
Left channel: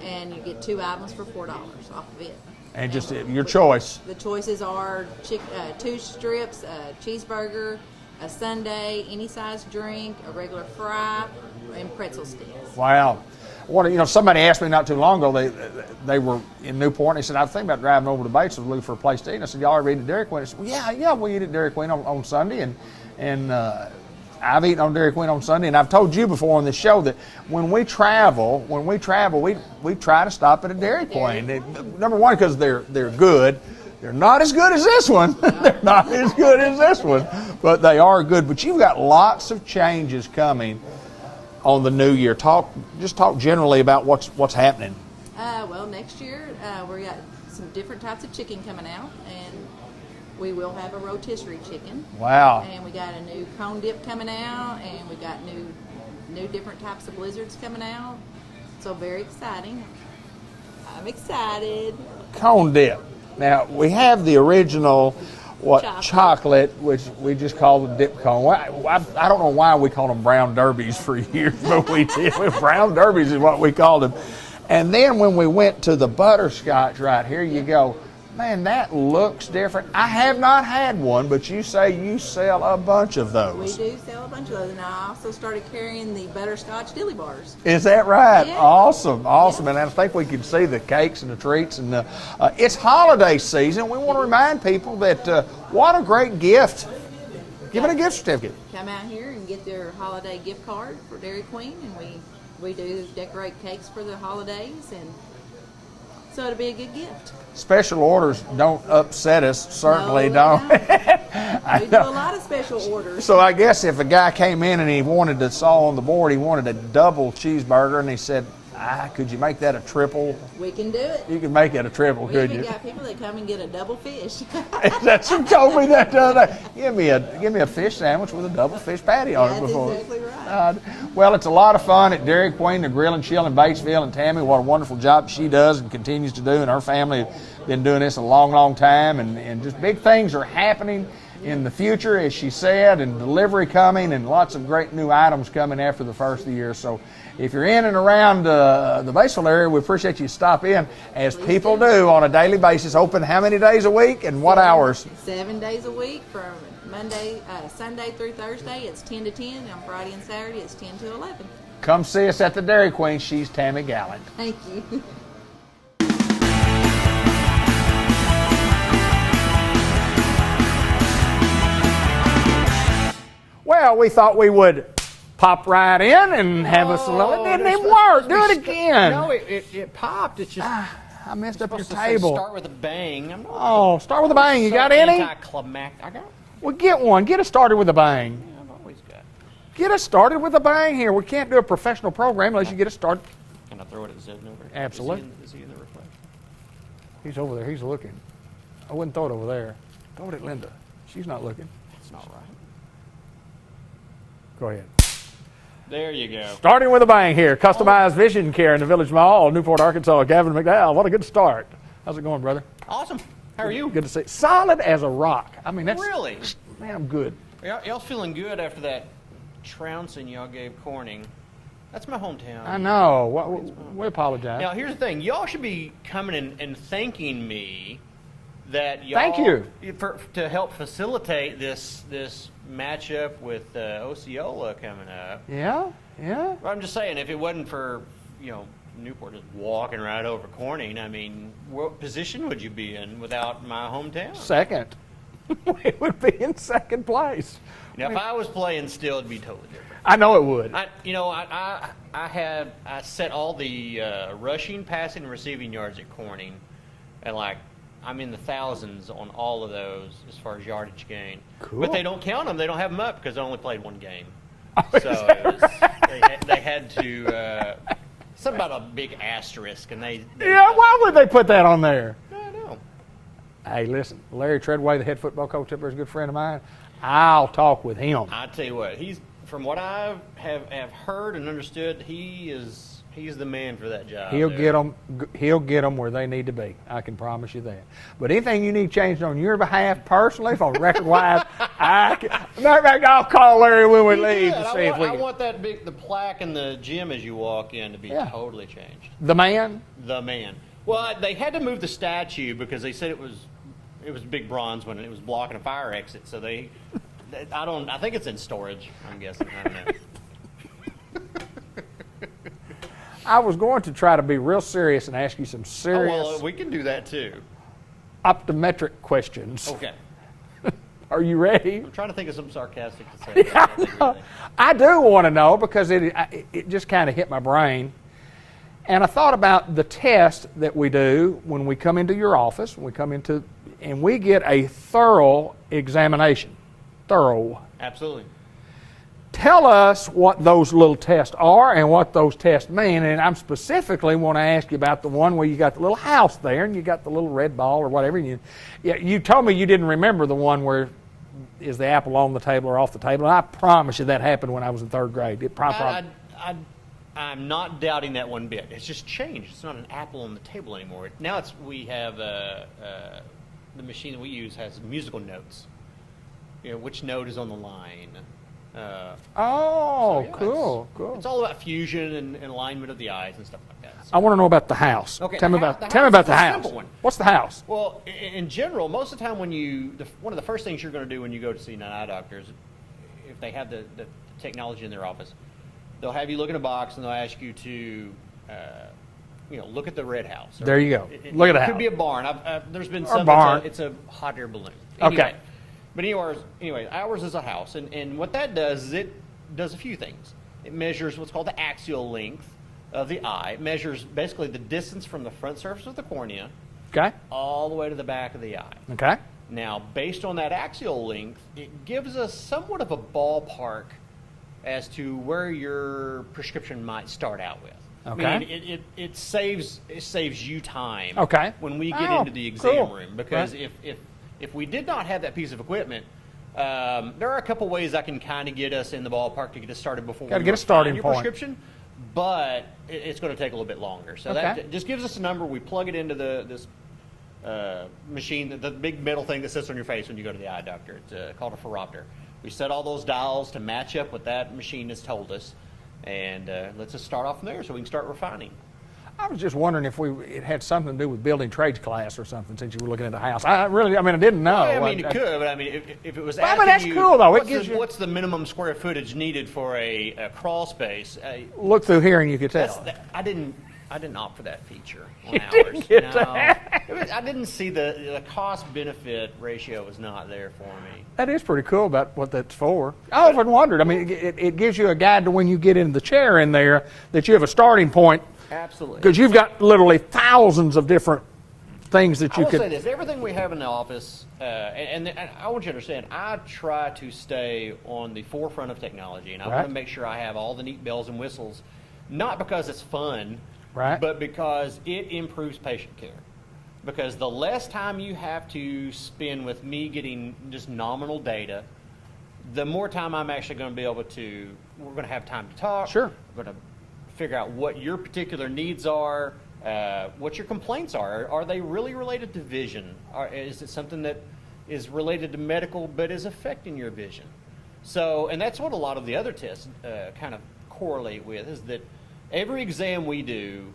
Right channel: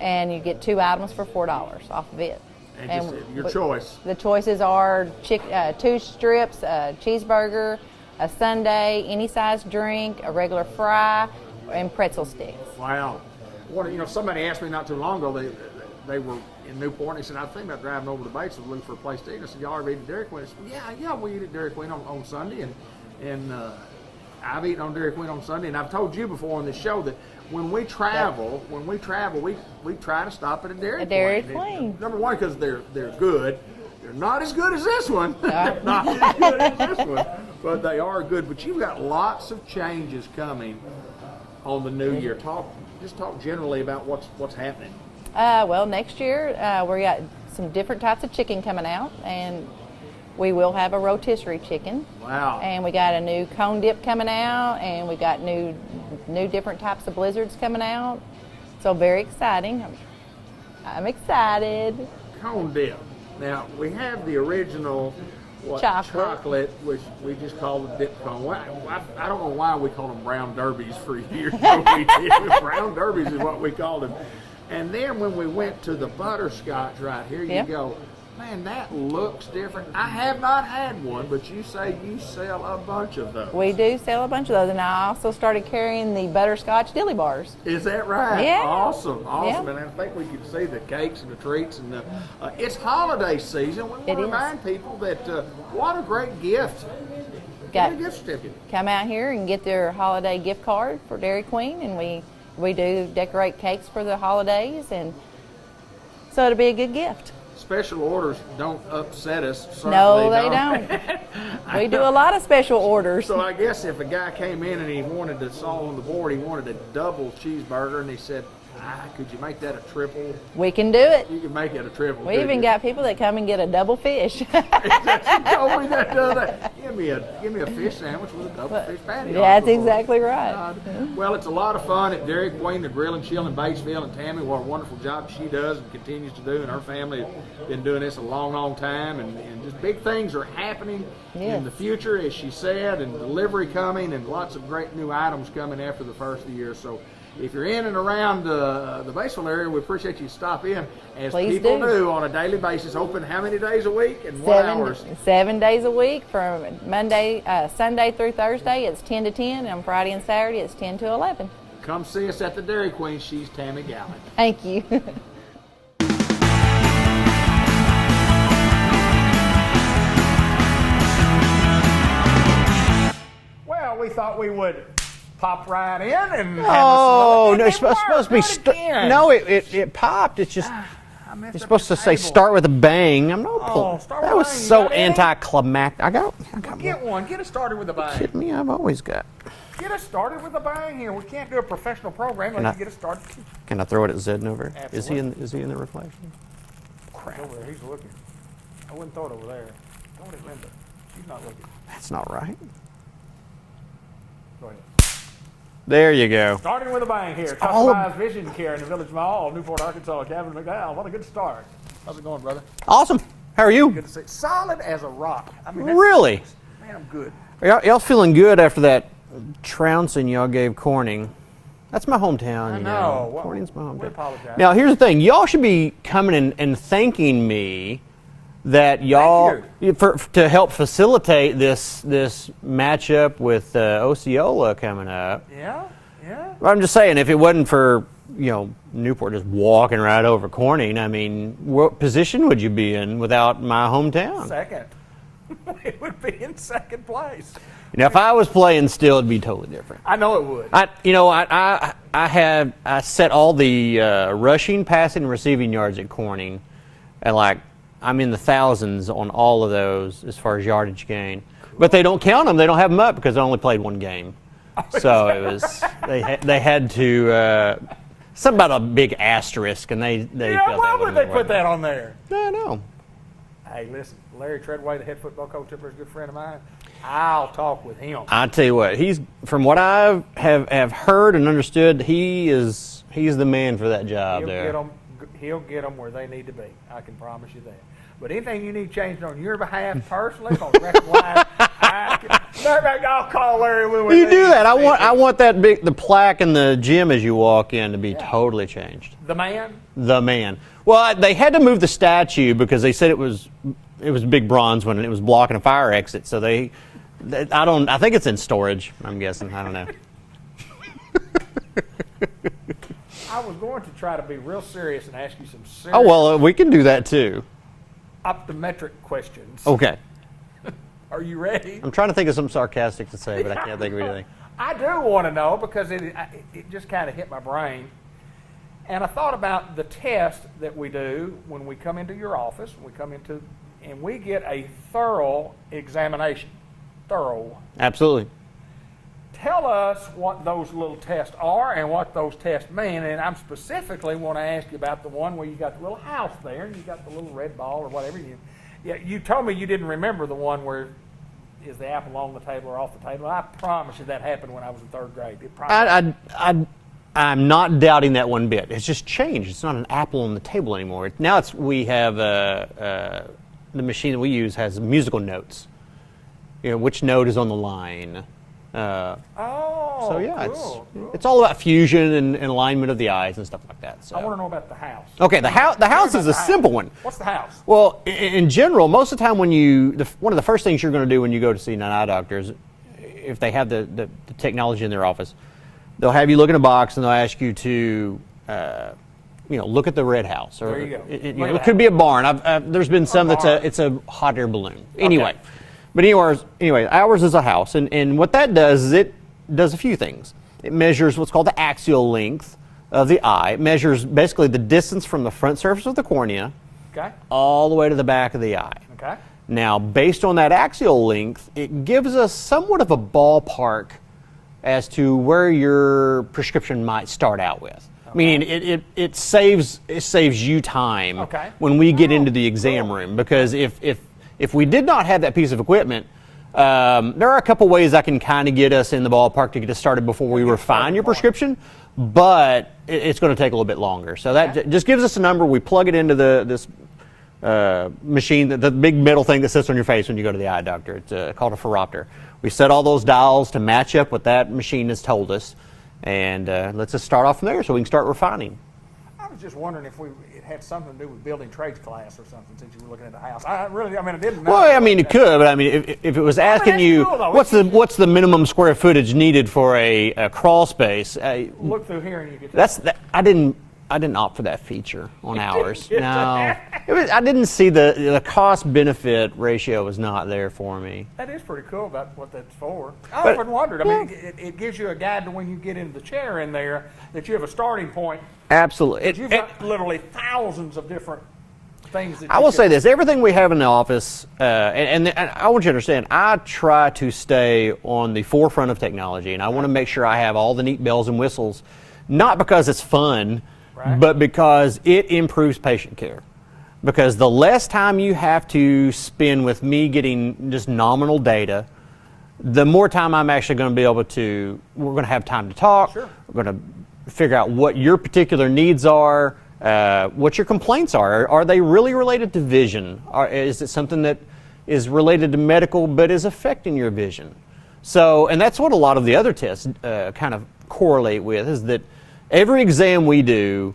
And you get 2 items for $4 off of it. And just your choice. The choices are 2 strips, a cheeseburger, a sundae, any size drink, a regular fry, and pretzel sticks. Well, somebody asked me not too long ago. They were in Newport, and they said, I was thinking about driving over to Batesville to look for a place to eat. And I said, y'all ever eat at Dairy Queen? I said, well, yeah, we eat at Dairy Queen on Sunday. And I've eaten on Dairy Queen on Sunday, and I've told you before on this show that when we travel, we try to stop at a Dairy Queen. Number one, because they're good. They're not as good as this one. They're not as good as this one, but they are good. But you've got lots of changes coming on the new year. Talk generally about what's happening. Well, next year we got some different types of chicken coming out, and we will have a rotisserie chicken. Wow. And we got a new cone dip coming out, and we got new different types of blizzards coming out. So very exciting. I'm excited. Cone dip. Now, we have the original chocolate, which we just call the dip cone. I don't know why we call them brown derbies for years, but we did. Brown derbies is what we called them. And then when we went to the butterscotch right here, you go, man, that looks different. I have not had one, but you say you sell a bunch of those. We do sell a bunch of those, and I also started carrying the butterscotch dilly bars. Is that right? Yeah. Awesome. Yeah. And I think we can see the cakes and the treats. And it's holiday season. We want to remind people that what a great gift. Give it a gift certificate. Come out here and get their holiday gift card for Dairy Queen, and we do decorate cakes for the holidays, and so it'll be a good gift. Special orders don't upset us, certainly No, they don't. We do a lot of special orders. So I guess if a guy came in and he wanted to saw on the board, he wanted a double cheeseburger, and he said, could you make that a triple? We can do it. You can make it a triple. We even got people that come and get a double fish. That's you told me that the other day. Give me a fish sandwich with a double fish patty on it. That's exactly right. Well, it's a lot of fun at Dairy Queen, the Grill and Chill in Batesville, and Tammy, what a wonderful job she does and continues to do, and her family have been doing this a long, long time, and just big things are happening in the future, as she said, and delivery coming, and lots of great new items coming after the first of the year. So if you're in and around the Batesville area, we appreciate you stop in, as Please people do on a daily basis. Open how many days a week and what hours? 7 days a week, from Sunday through Thursday. It's 10 to 10, and on Friday and Saturday it's 10 to 11. Come see us at the Dairy Queen. She's Tammy Gallant. Thank you. Well, we thought we would pop right in and have us a little. It didn't work. Do it again. No, it popped. It's just. I messed It's up supposed your to say table. start with a bang. I'm not. Oh, start with a bang. You So got any? anticlimactic. I got Well, get one. Get us started with a bang. me. I've always got. Get us started with a bang here. We can't do a professional program unless you get us started. Can I throw it at Zed over? Absolutely. Is he in the reflection? He's over there. He's looking. I wouldn't throw it over there. Throw it at Linda. She's not looking. That's not right. Go ahead. There you go. Starting with a bang here. Customized vision care in the Village Mall, Newport, Arkansas. Gavin McDowell. What a good start. How's it going, brother? Awesome. How are you? Good to see. Solid as a rock. I mean, that's, Really? man, I'm good. Are y'all feeling good after that trouncing y'all gave Corning? That's my hometown. I you know. Corning's my hometown. We apologize. Now, here's the thing. Y'all should be coming in and thanking me that y'all to help facilitate this matchup with Osceola coming up. Yeah. Well, I'm just saying, if it wasn't for Newport just walking right over Corning, I mean, what position would you be in without my hometown? Second. We would be in second place. Now, if I was playing still, it'd be totally different. I know it would. I set all the rushing, passing, and receiving yards at Corning, and I'm in the thousands on all of those as far as yardage gain. Cool. But they don't count them. They don't have them up because I only played one game. So it was they had to something about a big asterisk, and they why would they put that on there? I don't know. Hey, listen, Larry Treadway, the head football coach up there, is a good friend of mine. I'll talk with him. I tell you what, he's from what I have heard and understood, he's the man for that job. He'll get them where they need to be. I can promise you that. But anything you need changed on your behalf personally, for record-wise, I'll call Larry when we You do that. I want the plaque in the gym as you walk in to be totally changed. The man. The man. Well, they had to move the statue because they said it was a big bronze one and it was blocking a fire exit. So I think it's in storage. I'm guessing. I don't know. I was going to try to be real serious and ask you some serious Oh well, we can do that too. optometric questions. Okay. Are you ready? I'm trying to think of something sarcastic to say, but I can't think of anything. I do want to know because it just kind of hit my brain. And I thought about the test that we do when we come into your office, and we get a thorough examination. Thorough. Absolutely. Tell us what those little tests are and what those tests mean. And I'm specifically want to ask you about the one where you got the little house there and you got the little red ball or whatever. And you told me you didn't remember the one where is the apple on the table or off the table. And I promise you that happened when I was in third grade. It probably I'm not doubting that one bit. It's just changed. It's not an apple on the table anymore. Now we have the machine that we use has musical notes. You know, which note is on the line. So yeah, cool. It's all about fusion and alignment of the eyes and stuff like that. So. I want to know about the house. Okay, the house is a simple one. What's the house? Well, in general, most of the time when one of the first things you're going to do when you go to see an eye doctor is, if they have the technology in their office, they'll have you look in a box and they'll ask you to, look at the red house. There you go. It could be a barn. There's been some it's a hot air balloon. Anyway. Okay. But anyway, ours is a house, and what that does is it does a few things. It measures what's called the axial length of the eye. It measures basically the distance from the front surface of the cornea all the way to the back of the eye. Okay. Now, based on that axial length, it gives us somewhat of a ballpark as to where your prescription might start out with. Okay. Meaning it saves you time when we get into the exam room, because if we did not have that piece of equipment, there are a couple ways I can kind of get us in the ballpark to get us started before we refine your prescription, but it's going to take a little bit longer. So that just gives us a number. We plug it into this machine, the big metal thing that sits on your face when you go to the eye doctor. It's called a phoropter. We set all those dials to match up what that machine has told us, and let's just start off from there so we can start refining. I was just wondering if it had something to do with building trades class or something, since you were looking at the house. I didn't know. Well, it could, but if it was asking you what's the minimum square footage needed for a crawl space, look through here and you could tell. I didn't opt for that feature on ours. No, I didn't see the cost benefit ratio was not there for me. That is pretty cool about what that's for. I often wondered. It gives you a guide to when you get in the chair in there that you have a starting point. Absolutely. Because you've got literally thousands of different things that you I will say this, everything we have in the office, and I want you to understand, I try to stay on the forefront of technology, and I want to make sure I have all the neat bells and whistles, not because it's fun, but because it improves patient care. Because the less time you have to spend with me getting just nominal data, the more time I'm actually going to be able to, we're going to have time to talk. Sure. We're going to figure out what your particular needs are, what your complaints are. Are they really related to vision? Is it something that is related to medical but is affecting your vision? So, and that's what a lot of the other tests kind of correlate with, is that every exam we do,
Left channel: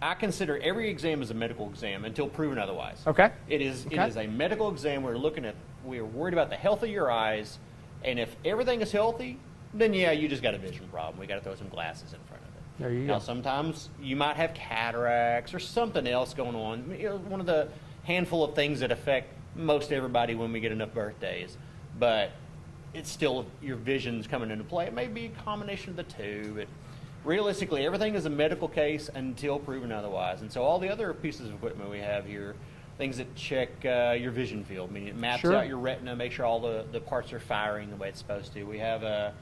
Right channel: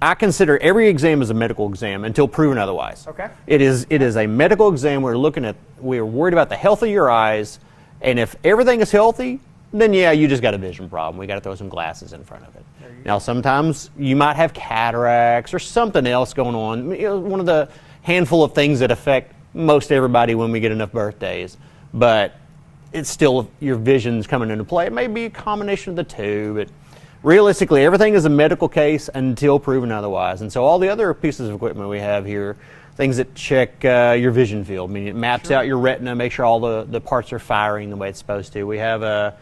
I consider every exam as a medical exam until proven otherwise. Okay. It is a medical exam. We're worried about the health of your eyes, and if everything is healthy, then you just got a vision problem. We got to throw some glasses in front of it. Now, sometimes you might have cataracts or something else going on. One of the handful of things that affect most everybody when we get enough birthdays. But it's still, your vision's coming into play. It may be a combination of the two, but realistically, everything is a medical case until proven otherwise. And so all the other pieces of equipment we have here, things that check your vision field. It maps out your retina, make sure all the parts are firing the way it's supposed to. We have a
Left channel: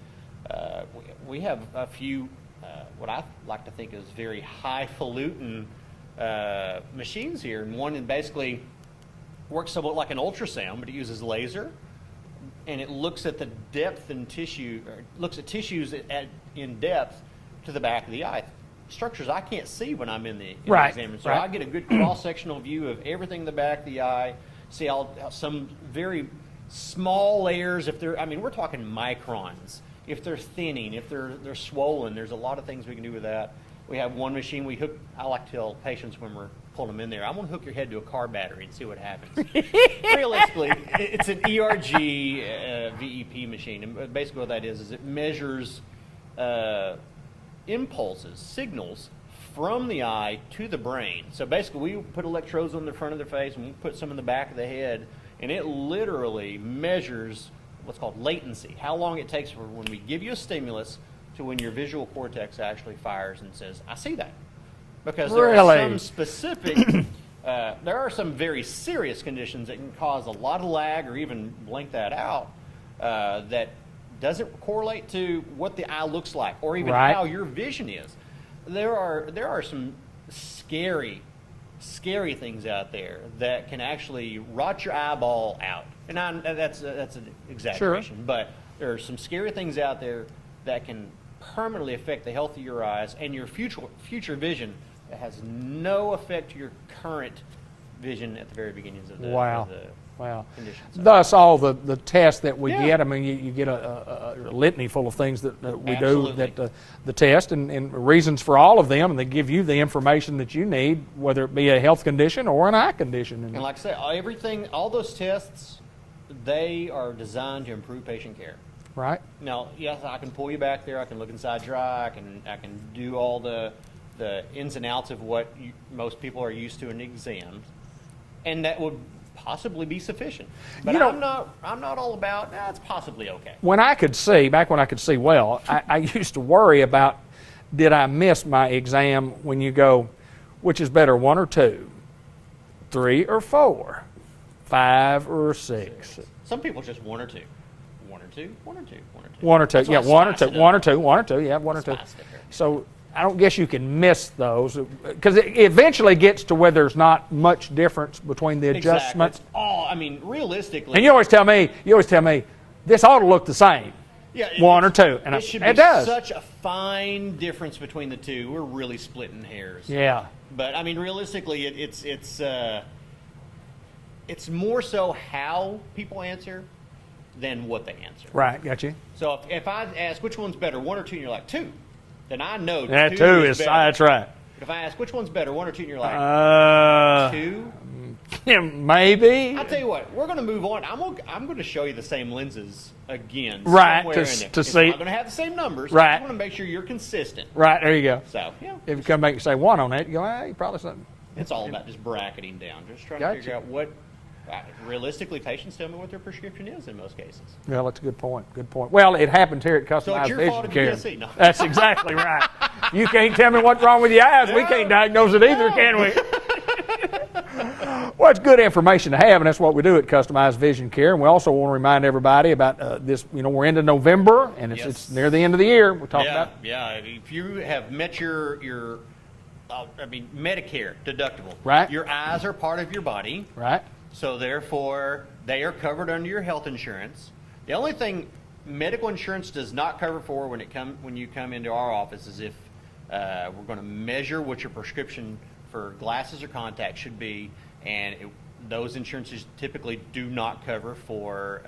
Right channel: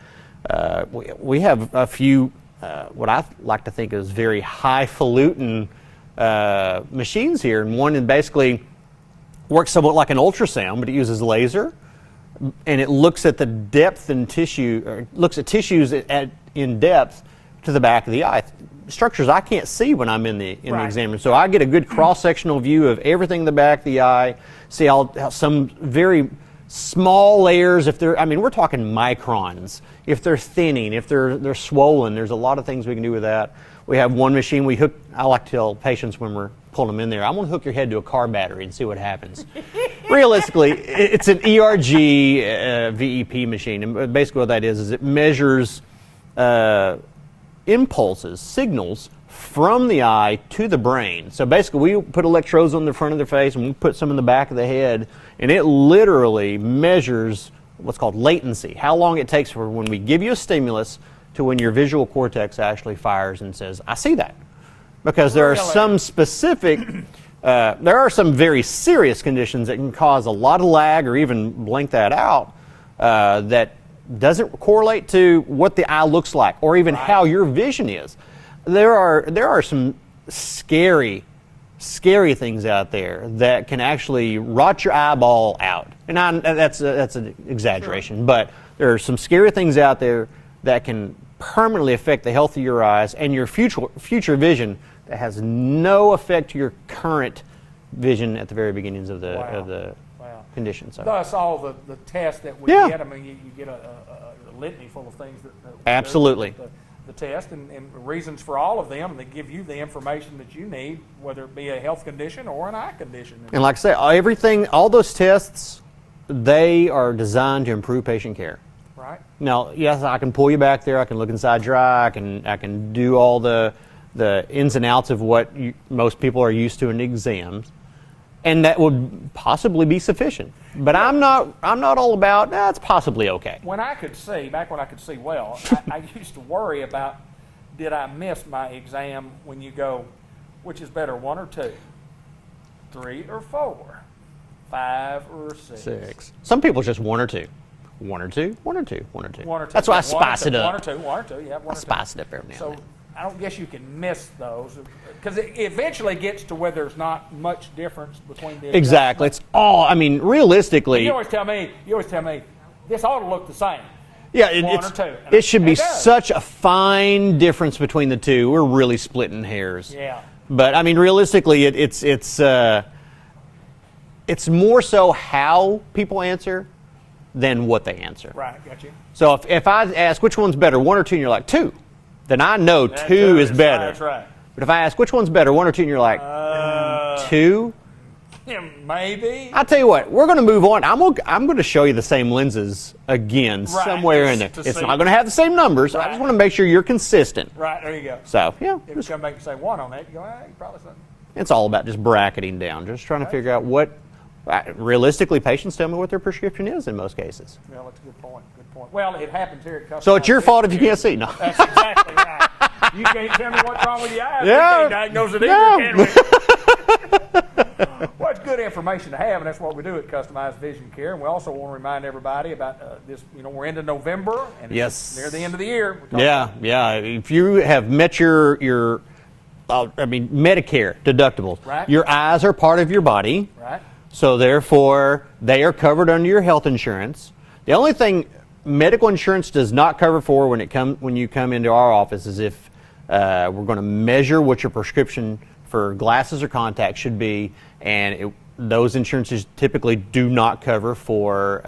few, what I like to think is very highfalutin machines here. And one that basically works somewhat like an ultrasound, but it uses laser. And it looks at the depth and tissue, or looks at tissues in depth to the back of the eye. Structures I can't see when I'm in the exam room. So I get a good cross-sectional view of everything in the back of the eye, see how some very small layers, we're talking microns. If they're thinning, if they're swollen, there's a lot of things we can do with that. We have one machine I like to tell patients when we're pulling them in there, I'm going to hook your head to a car battery and see what happens. Realistically, it's an ERG VEP machine. And basically what that is it measures impulses, signals from the eye to the brain. So basically, we put electrodes on the front of their face and we put some in the back of the head, and it literally measures what's called latency, how long it takes for when we give you a stimulus to when your visual cortex actually fires and says, I see that. Because there are some specific, there are some very serious conditions that can cause a lot of lag or even blink that out that doesn't correlate to what the eye looks like or even how your vision is. There are some scary things out there that can actually rot your eyeball out. And that's an exaggeration, but there are some scary things out there that can permanently affect the health of your eyes and your future vision that has no effect to your current vision at the very beginnings of the condition. So. Thus, all the tests that we get, I mean, you get a litany full of things that we Absolutely. do. The test and reasons for all of them, and they give you the information that you need, whether it be a health condition or an eye condition. And like I say, all those tests, they are designed to improve patient care. Right. Now, yes, I can pull you back there. I can look inside your eye. I can do all the ins and outs of what most people are used to in exams, and that would possibly be sufficient. But I'm not all about. It's possibly okay. When I could see, back when I could see well, I used to worry about, did I miss my exam? When you go, which is better, 1 or 2, 3 or 4, 5 or 6? Some people just 1 or 2. 1 or 2, 1 or 2, 1 or 2. 1 or 2. That's why I spice it up. 1 or 2, 1 or 2. Yeah, 1 or 2. Spice it up every now and So then. I don't guess you can miss those because it eventually gets to where there's not much difference between the adjustments. Exactly. It's all. I mean, realistically. And you always tell me, this ought to look the same. Yeah, 1 or 2. And it should be it does. such a fine difference between the two. We're really splitting hairs. Yeah. But I mean, realistically, it's more so how people answer than what they answer. Right. Got you. So if I ask which one's better, 1 or 2, and you're like 2, then I know Yeah, 2 is better. That's right. But if I ask which one's better, 1 or 2, and you're like 2. Yeah, maybe. I'll tell you what, we're going to move on. I'm going to show you the same lenses again somewhere in there. It's not going to have the same numbers. I just want to make sure you're consistent. Right, there you go. So, yeah. If it's going to make you say 1 on that, you go, you probably something. It's all about just bracketing down, just trying to figure out what, realistically, patients tell me what their prescription is in most cases. Well, that's a good point. Good point. Well, it happens here at Customized So it's your fault if you Vision can't see. No. Care. That's exactly right. You can't tell me what's wrong with your eyes. Yeah. We can't diagnose it either, can we? Well, it's good information to have, and that's what we do at Customized Vision Care. And we also want to remind everybody about this. We're into November, and it's near the end of the year. Yeah. If you have met your Medicare deductibles, right? Your eyes are part of your body, right? So therefore, they are covered under your health insurance. The only thing medical insurance does not cover for when you come into our office is if we're going to measure what your prescription for glasses or contacts should be, and those insurances typically do not cover for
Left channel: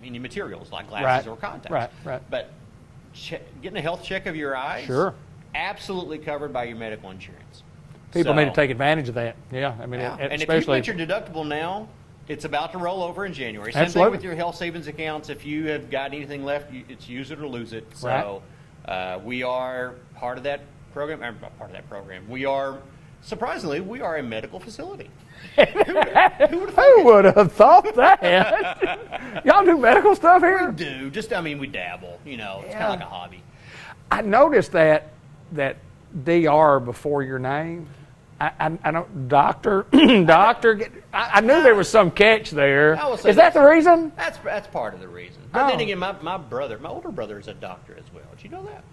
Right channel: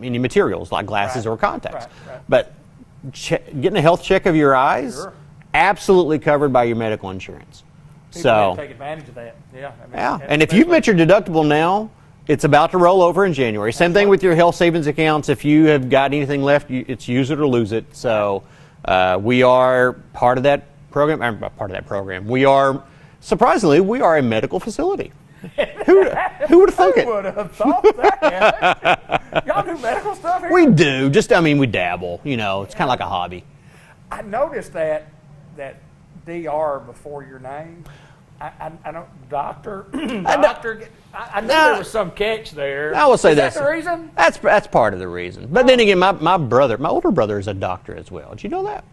any materials like glasses or contacts. Right. But getting a health check of your eyes, absolutely covered by your medical insurance. People need to take advantage of that. Yeah. And if you've met your deductible now, it's about to roll over in January. Same thing with your health savings accounts. If you have got anything left, it's use it or lose it. So we are part of that program. We are, surprisingly, we are a medical facility. Who would have thought it? Who would have thought that? Y'all do medical stuff here? We do. We dabble. It's kind of like a hobby. I noticed that DR before your name. I don't, doctor. I knew there was some catch there. I will say is that the reason? That's part of the reason. But then again, my older brother is a doctor as well. Did you know that?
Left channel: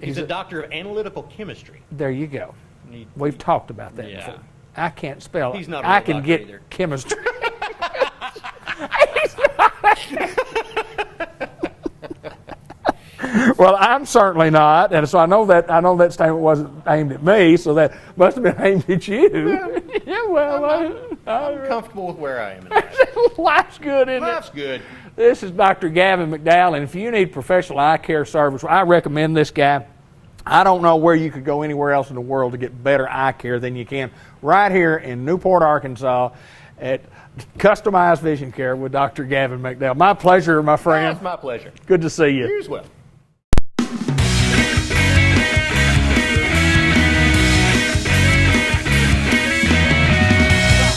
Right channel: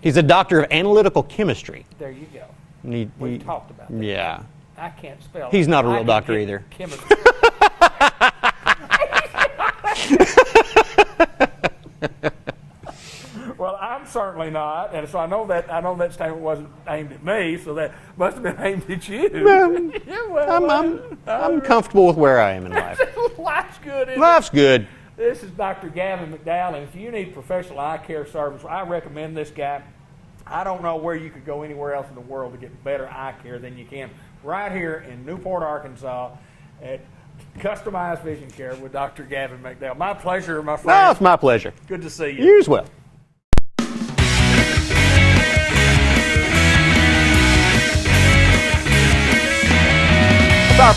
He's a doctor of analytical chemistry. There you go. We've talked about that. Yeah. Before. I can't spell. He's not a real doctor either. Chemistry. Well, I'm certainly not, and so I know that statement wasn't aimed at me, so that must have been aimed at you. I'm comfortable with where I am in life. Life's good, isn't it? Life's good. This is Dr. Gavin McDowell, and if you need professional eye care service, I recommend this guy. I don't know where you could go anywhere else in the world to get better eye care than you can right here in Newport, Arkansas, at Customized Vision Care with Dr. Gavin McDowell. My pleasure, my friend. No, it's my pleasure. Good to see you. You as well.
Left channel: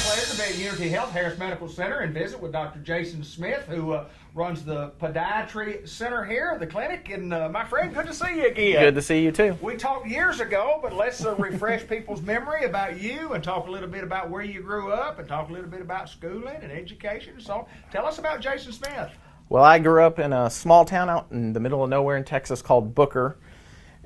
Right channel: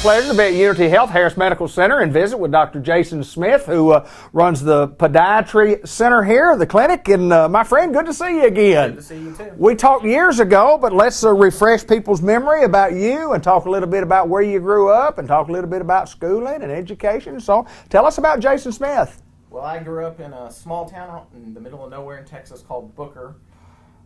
pleasure to be at Unity Health Harris Medical Center and visit with Dr. Jason Smith, who runs the podiatry center here, the clinic. And my friend, good to see you again. Good to see you too. We talked years ago, but let's refresh people's memory about you and talk a little bit about where you grew up and talk a little bit about schooling and education. So tell us about Jason Smith. Well, I grew up in a small town out in the middle of nowhere in Texas called Booker.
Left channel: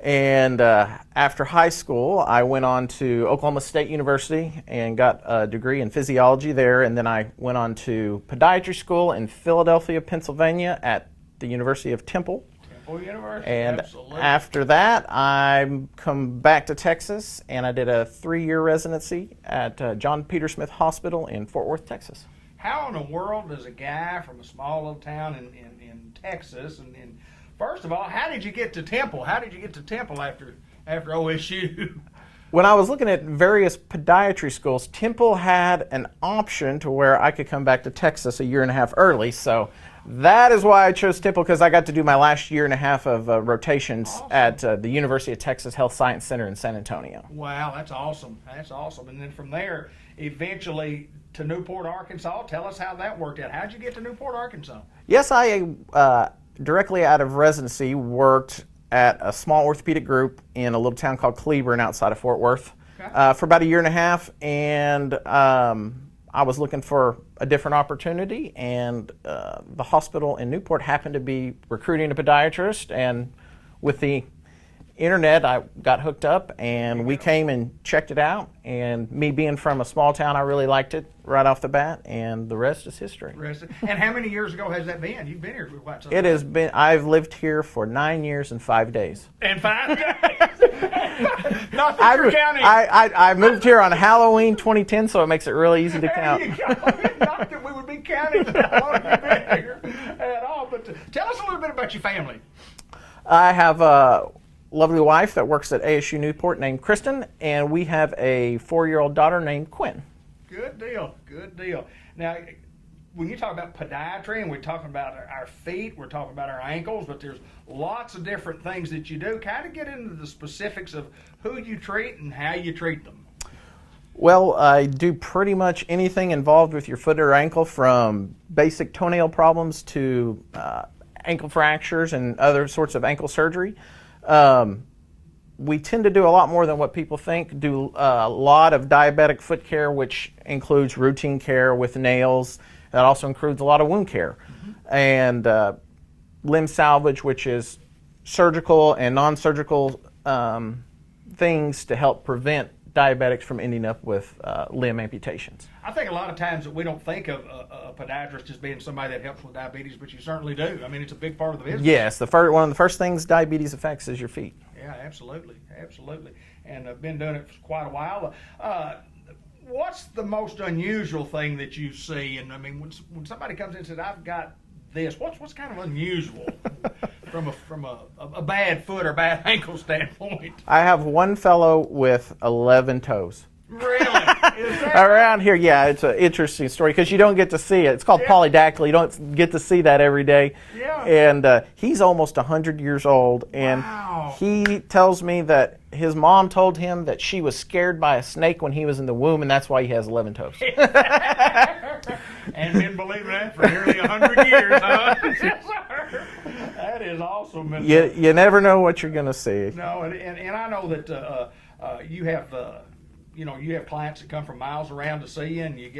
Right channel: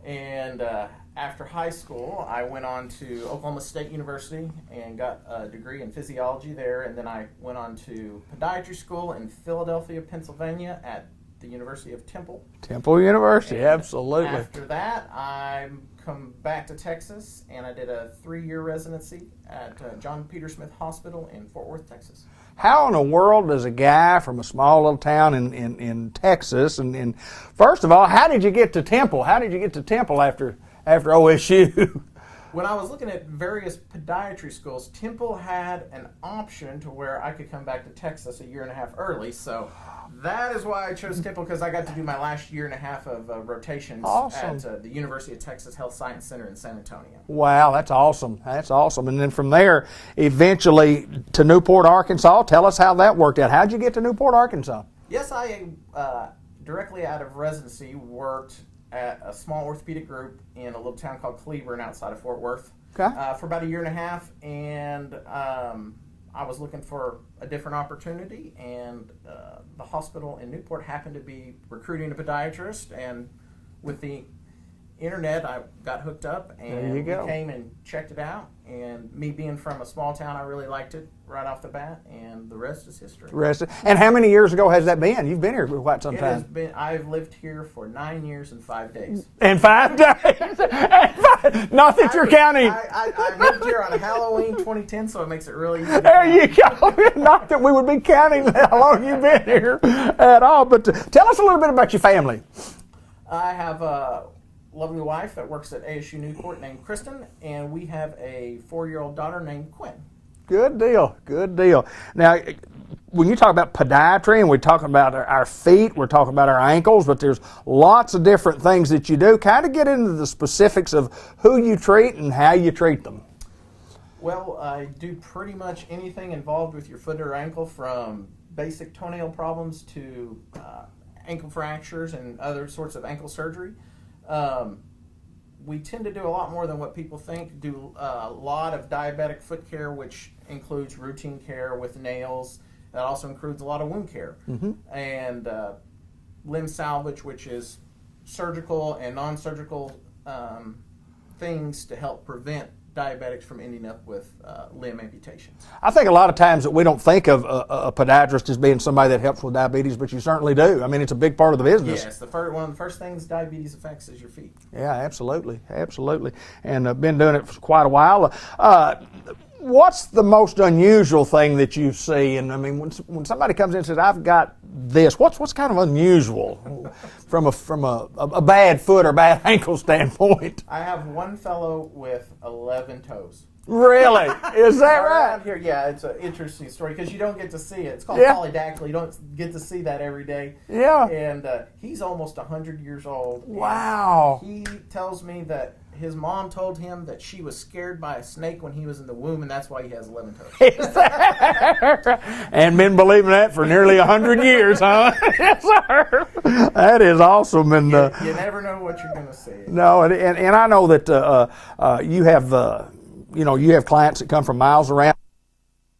And after high school, I went on to Oklahoma State University and got a degree in physiology there. And then I went on to podiatry school in Philadelphia, Pennsylvania at the University of Temple. Temple University, And absolutely. after that, I come back to Texas and I did a 3-year residency at John Peter Smith Hospital in Fort Worth, Texas. How in the world does a guy from a small little town in Texas, and first of all, how did you get to Temple? How did you get to Temple after OSU? When I was looking at various podiatry schools, Temple had an option to where I could come back to Texas a year and a half early. So that is why I chose Temple, because I got to do my last year and a half of rotations at the University of Texas Health Science Center in San Antonio. Wow, that's awesome. That's awesome. And then from there, eventually to Newport, Arkansas. Tell us how that worked out. How'd you get to Newport, Arkansas? Yes, I directly out of residency worked at a small orthopedic group in a little town called Cleburne outside of Fort Worth for about a year and a half, and I was looking for a different opportunity, and the hospital in Newport happened to be recruiting a podiatrist, and with the internet I got hooked up and we came and checked it out, and me being from a small town, I really liked it right off the bat, and the rest is history. And how many years ago has that been? You've been here for quite some time. It has been, I've lived here for 9 years and 5 days. And 5 days? Not that you're counting. I moved here on Halloween 2010, so it makes it really easy to count. There you go. Not that we would be counting how long you've been here at all, but tell us a little bit about your family. I have a lovely wife that works at ASU Newport named Kristen, and we have a 4-year-old daughter named Quinn. Good deal, good deal. Now, when you talk about podiatry and we're talking about our feet, we're talking about our ankles, but there's lots of different things that you do. Kind of get into the specifics of who you treat and how you treat them. Well, I do pretty much anything involved with your foot or ankle, from basic toenail problems to ankle fractures and other sorts of ankle surgery. We tend to do a lot more than what people think. Do a lot of diabetic foot care, which includes routine care with nails. That also includes a lot of wound care. And limb salvage, which is surgical and non-surgical things to help prevent diabetics from ending up with limb amputations. I think a lot of times that we don't think of a podiatrist as being somebody that helps with diabetes, but you certainly do. I mean, it's a big part of the business. Yes, one of the first things diabetes affects is your feet. Yeah, absolutely, absolutely. And I've been doing it for quite a while. What's the most unusual thing that you see? And I mean, when somebody comes in and says, "I've got this," what's kind of unusual from a bad foot or bad ankle standpoint? I have one fellow with 11 toes. Really? Is that around right? here? Yeah, it's an interesting story because you don't get to see it. It's called polydactyly. You don't get to see that every day. Yeah. And he's almost 100 years old. Wow. And he tells me that his mom told him that she was scared by a snake when he was in the womb, and that's why he has 11 toes. And been believing that for nearly 100 years, huh? Yes, sir. That is awesome. And You never know what you're going to see. no, and I know that you have you have clients that come from miles around to see you, and you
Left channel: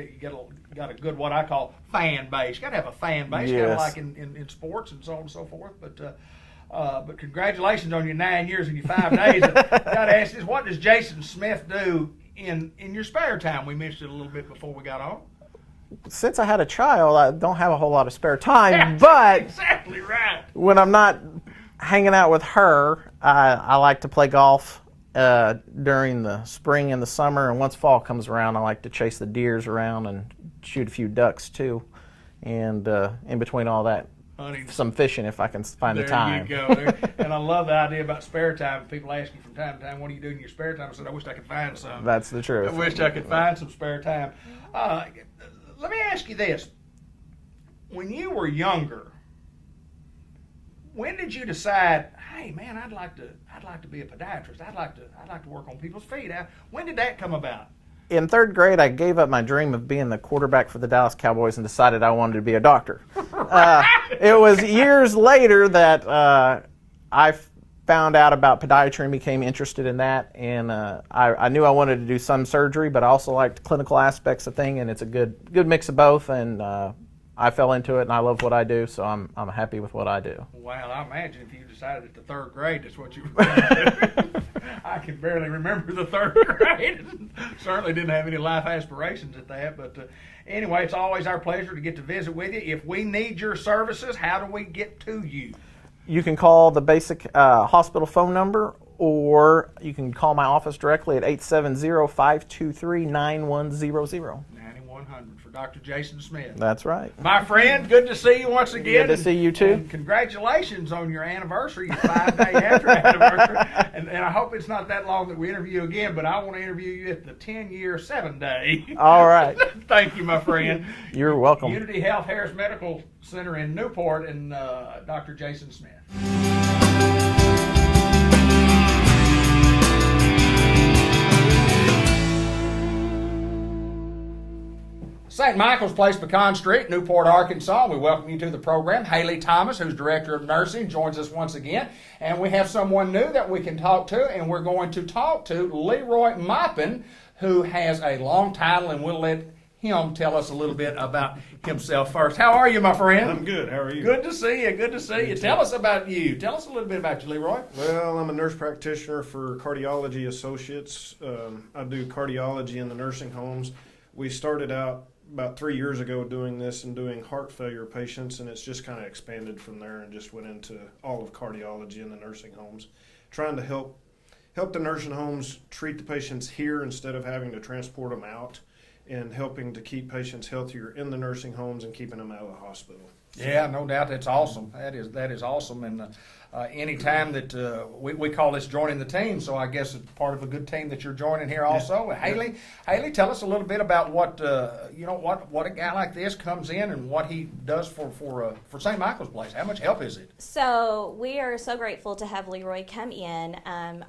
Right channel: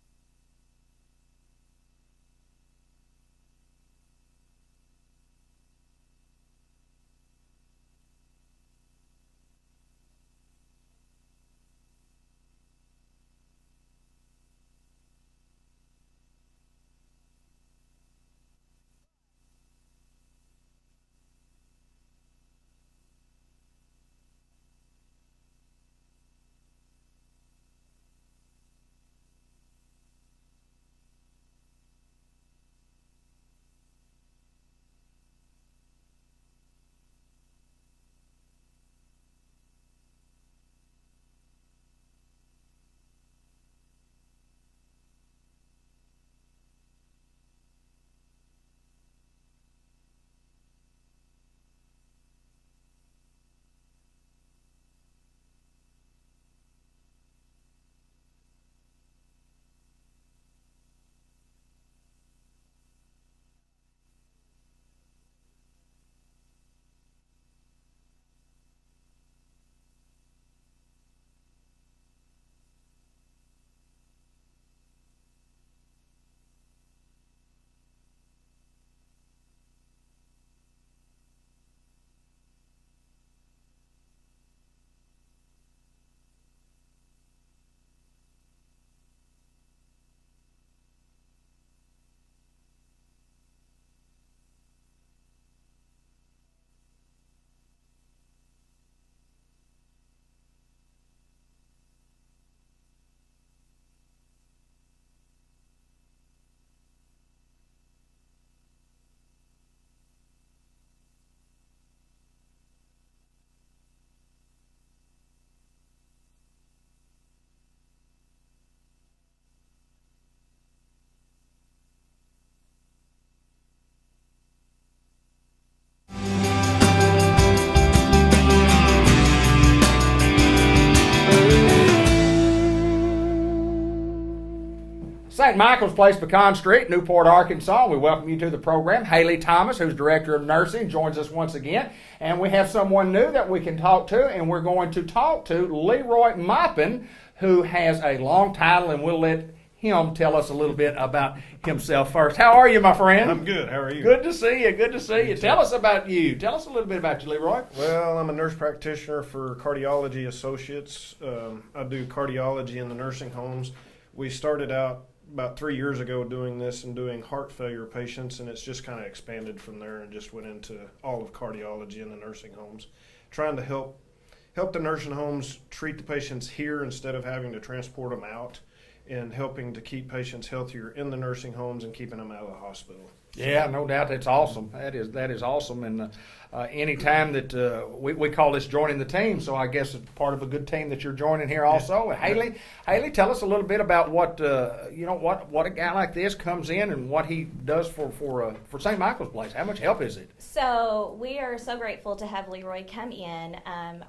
got a good, what I call, fan base. You got to have a fan base, kind of Yes. like in sports and so on and so forth. But congratulations on your 9 years and your 5 days. Got to ask this: what does Jason Smith do in your spare time? We mentioned it a little bit before we got on. Since I had a child, I don't have a whole lot of spare time, but Exactly right. when I'm not hanging out with her, I like to play golf during the spring and the summer, and once fall comes around, I like to chase the deers around and shoot a few ducks too, and in between all that, Honey, some fishing if I can find the time. There you go. And I love the idea about spare time. People ask you from time to time, what do you do in your spare time? I said, I wish I could find some. That's the truth. I wish I could find some spare time. Let me ask you this. When you were younger, when did you decide, hey man, I'd like to be a podiatrist. I'd like to work on people's feet. When did that come about? in third grade, I gave up my dream of being the quarterback for the Dallas Cowboys and decided I wanted to be a doctor. It was years later that I found out about podiatry and became interested in that. And I knew I wanted to do some surgery, but I also liked clinical aspects of things, and it's a good mix of both. And I fell into it, and I love what I do, so I'm happy with what I do. Well, I imagine if you decided at the third grade that's what you were going to do. I can barely remember the third grade. Certainly didn't have any life aspirations at that. But anyway, it's always our pleasure to get to visit with you. If we need your services, how do we get to you? You can call the basic hospital phone number, or you can call my office directly at 870-523-9100. 9100 for Dr. Jason Smith. That's right. My friend, good to see you once again. Good to see you too. And congratulations on your anniversary, your 5-day after anniversary. And I hope it's not that long that we interview you again, but I want to interview you at the 10-year, 7-day. All right. Thank you, my friend. You're welcome. Unity Health Harris Medical Center in Newport and Dr. Jason Smith. St. Michael's Place, Pecan Street, Newport, Arkansas. We welcome you to the program. Haley Thomas, who's Director of Nursing, joins us once again. And we have someone new that we can talk to, and we're going to talk to Leroy Maupin, who has a long title, and we'll let him tell us a little bit about himself first. How are you, my friend? I'm good. How are you? Good to see you. Good to see you. Tell us about you. Tell us a little bit about you, Leroy. Well, I'm a nurse practitioner for Cardiology Associates. I do cardiology in the nursing homes. We started out about 3 years ago doing this and doing heart failure patients, and it's just kind of expanded from there and just went into all of cardiology in the nursing homes, trying to help the nursing homes treat the patients here instead of having to transport them out, and helping to keep patients healthier in the nursing homes and keeping them out of the hospital. Yeah, no doubt. That's awesome. That is awesome. And any time that we call this joining the team, so I guess it's part of a good team that you're joining here also. Yeah. Haley, tell us a little bit about what what a guy like this comes in and what he does for St. Michael's Place. How much help is it? So we are so grateful to have Leroy come in.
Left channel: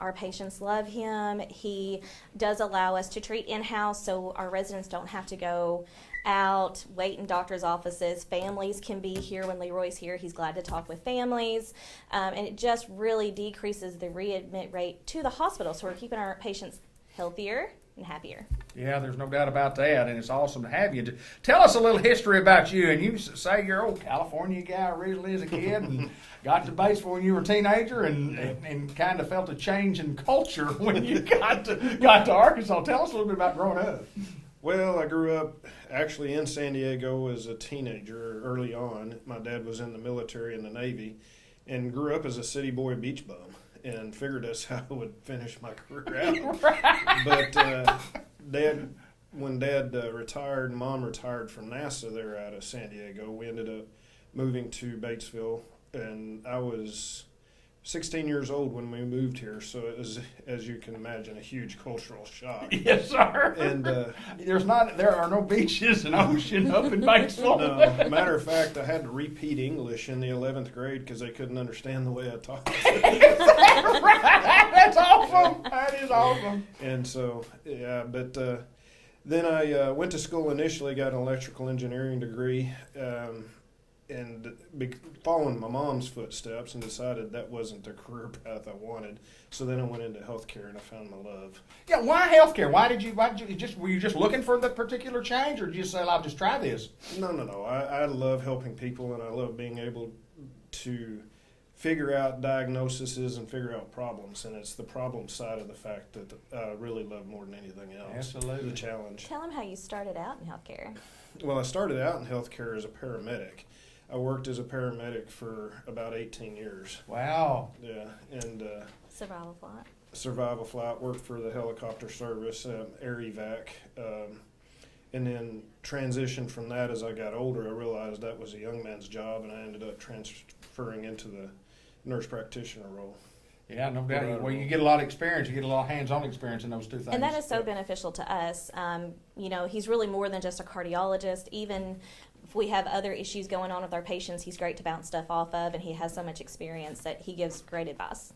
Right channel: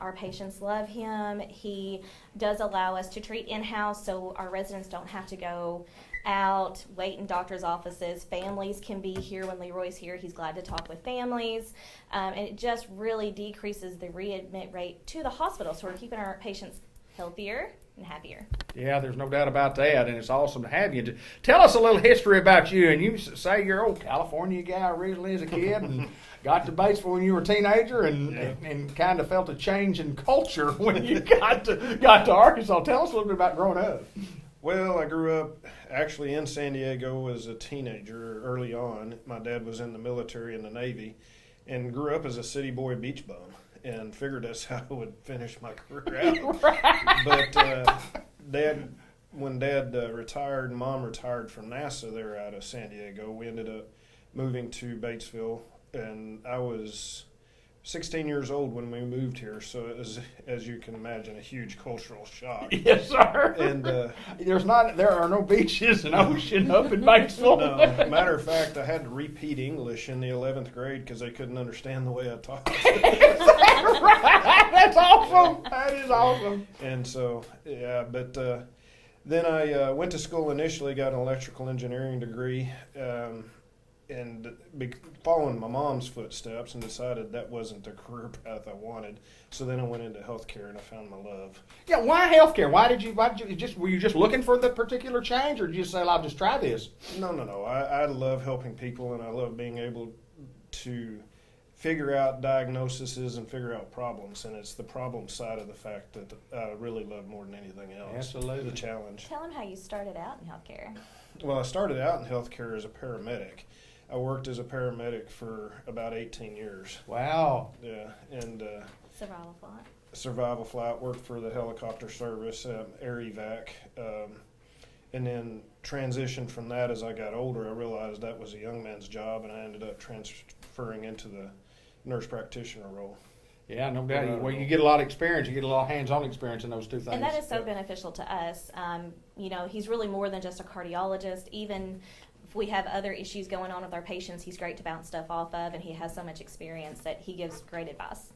Our patients love him. He does allow us to treat in-house, so our residents don't have to go out, wait in doctor's offices. Families can be here when Leroy's here. He's glad to talk with families. And it just really decreases the readmit rate to the hospital. So we're keeping our patients healthier and happier. Yeah, there's no doubt about that, and it's awesome to have you. Tell us a little history about you. And you say you're old California guy originally as a kid and got to Batesville when you were a teenager and kind of felt a change in culture when you got to Arkansas. Tell us a little bit about growing up. Well, I grew up actually in San Diego as a teenager early on. My dad was in the military in the Navy and grew up as a city boy beach bum and figured that's how I would finish my career out. But when Dad retired and Mom retired from NASA there out of San Diego, we ended up moving to Batesville, and I was 16 years old when we moved here, so it was, as you can imagine, a huge cultural shock. Yes, sir. And there are no beaches and ocean up in Batesville. No, matter of fact, I had to repeat English in the 11th grade because they couldn't understand the way I talked. That's awesome. That is awesome. And so, yeah, but then I went to school initially, got an electrical engineering degree. And following my mom's footsteps, and decided that wasn't the career path I wanted. So then I went into healthcare, and I found my love. Yeah, why healthcare? Why did you were you just looking for the particular change, or did you say, "I'll just try this"? No. I love helping people, and I love being able to figure out diagnoses and figure out problems. And it's the problem side of the fact that I really love more than anything else. Absolutely. The challenge. Tell him how you started out in healthcare. Well, I started out in healthcare as a paramedic. I worked as a paramedic for about 18 years. Wow. Yeah, and Survival flight. worked for the helicopter service, air evac, and then transitioned from that as I got older. I realized that was a young man's job, and I ended up transferring into the nurse practitioner role. Yeah, no doubt. Well, you get a lot of experience. You get a lot of hands-on experience in those two things. And that is so beneficial to us. He's really more than just a cardiologist. Even if we have other issues going on with our patients, he's great to bounce stuff off of, and he has so much experience that he gives great advice.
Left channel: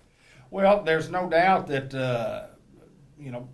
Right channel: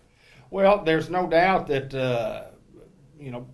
Well, there's no doubt that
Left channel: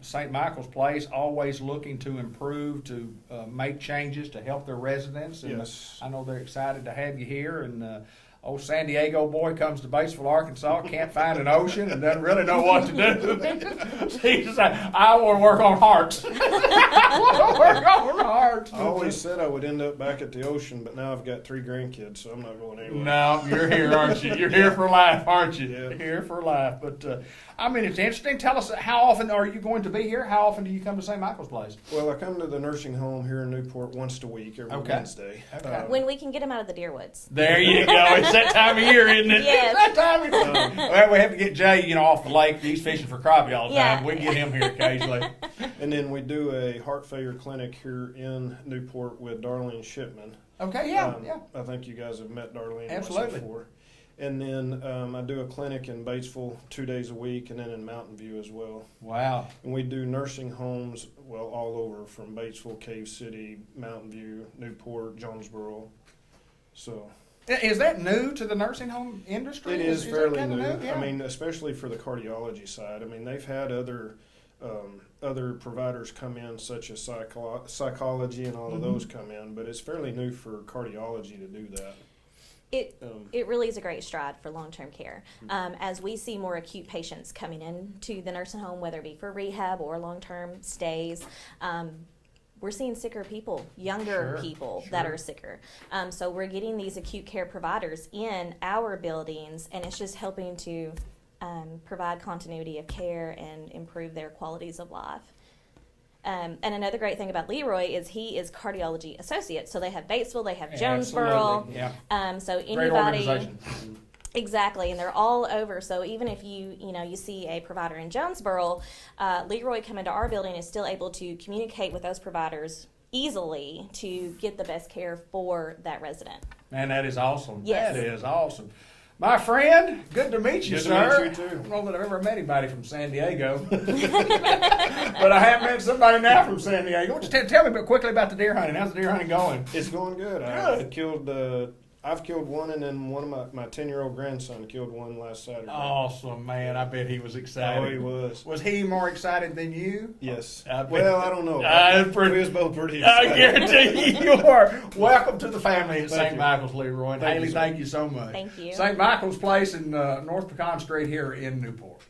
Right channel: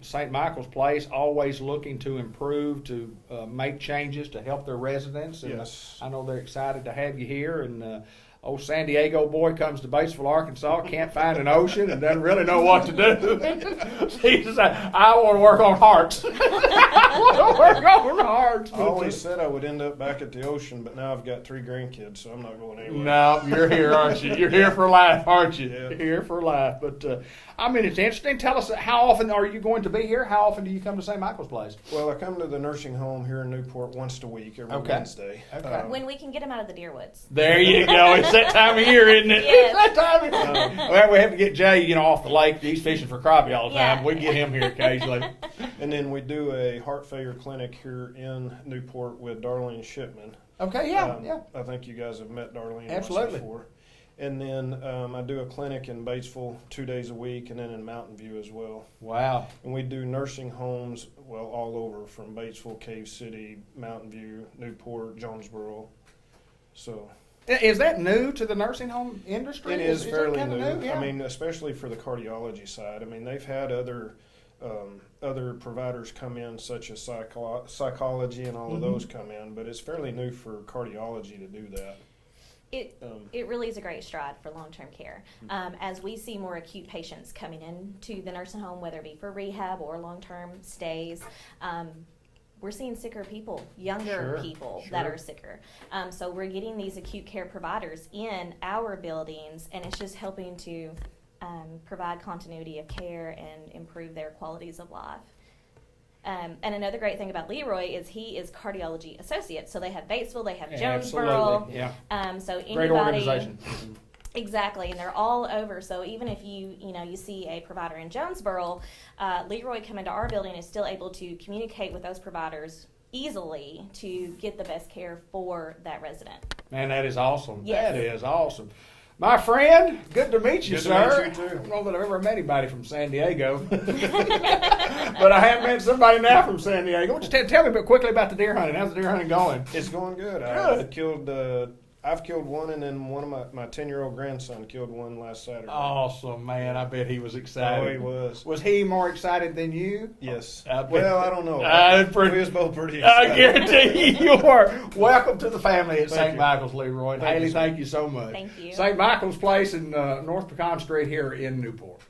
St. Michael's Place always looking to improve, to make changes to help their residents. And Yes. I know they're excited to have you here. And old San Diego boy comes to Batesville, Arkansas, can't find an ocean, and doesn't really know what to do. He's like, I want to work on hearts. I want to work on hearts. I always said I would end up back at the ocean, but now I've got 3 grandkids, so I'm not going anywhere. No, you're here, aren't you? You're here for life, aren't you? Yeah. Here for life. But it's interesting. Tell us, how often are you going to be here? How often do you come to St. Michael's Place? Well, I come to the nursing home here in Newport once a week, every Okay. Wednesday. Okay. When we can get him out of the deer woods. There you go. It's that time of year, isn't it? Yes. It's that time of year. Well, we have to get Jay, off the lake. He's fishing for crappie all the time. Yeah. We can get him here occasionally. And then we do a heart failure clinic here in Newport with Darlene Shipman. Okay, yeah. I think you guys have met Darlene Absolutely. before. And then I do a clinic in Batesville 2 days a week, and then in Mountain View as well. Wow. And we do nursing homes, all over, from Batesville, Cave City, Mountain View, Newport, Jonesboro. So Is that new to the nursing home industry? it is that fairly kinda new. Yeah. I mean, especially for the cardiology side. I mean, they've had other providers come in, such as psychology and all of those come in, but it's fairly new for cardiology to do that. It really is a great stride for long-term care. As we see more acute patients coming into the nursing home, whether it be for rehab or long-term stays, we're seeing sicker people, younger people that are sicker. So we're getting these acute care providers in our buildings, and it's just helping to provide continuity of care and improve their qualities of life. And another great thing about Leroy is he is cardiology associate. So they have Batesville, they have Jonesboro. Absolutely, yeah. So Great anybody, organization. exactly, and they're all over. So even if you see a provider in Jonesboro, Leroy coming to our building is still able to communicate with those providers easily to get the best care for that resident. Man, that is awesome. Yes. That is awesome. My friend, good to meet you, Good to sir. meet you, too. I don't know that I've ever met anybody from San Diego. But I have met somebody now from San Diego. Just tell me quickly about the deer hunting. How's the deer hunting going? It's going good. I've killed one, and then one of my 10-year-old grandson killed one last Saturday. Awesome, man. I bet he was excited. Oh, he was. Was he more excited than you? Yes. I bet. Well, I don't know. We was both pretty I excited. guarantee you are. Welcome to the family at Thank St. you. Michael's, Leroy. Thank Haley, you, sir. thank you so much. Thank you. St. Michael's Place in North Pecan Street here in Newport.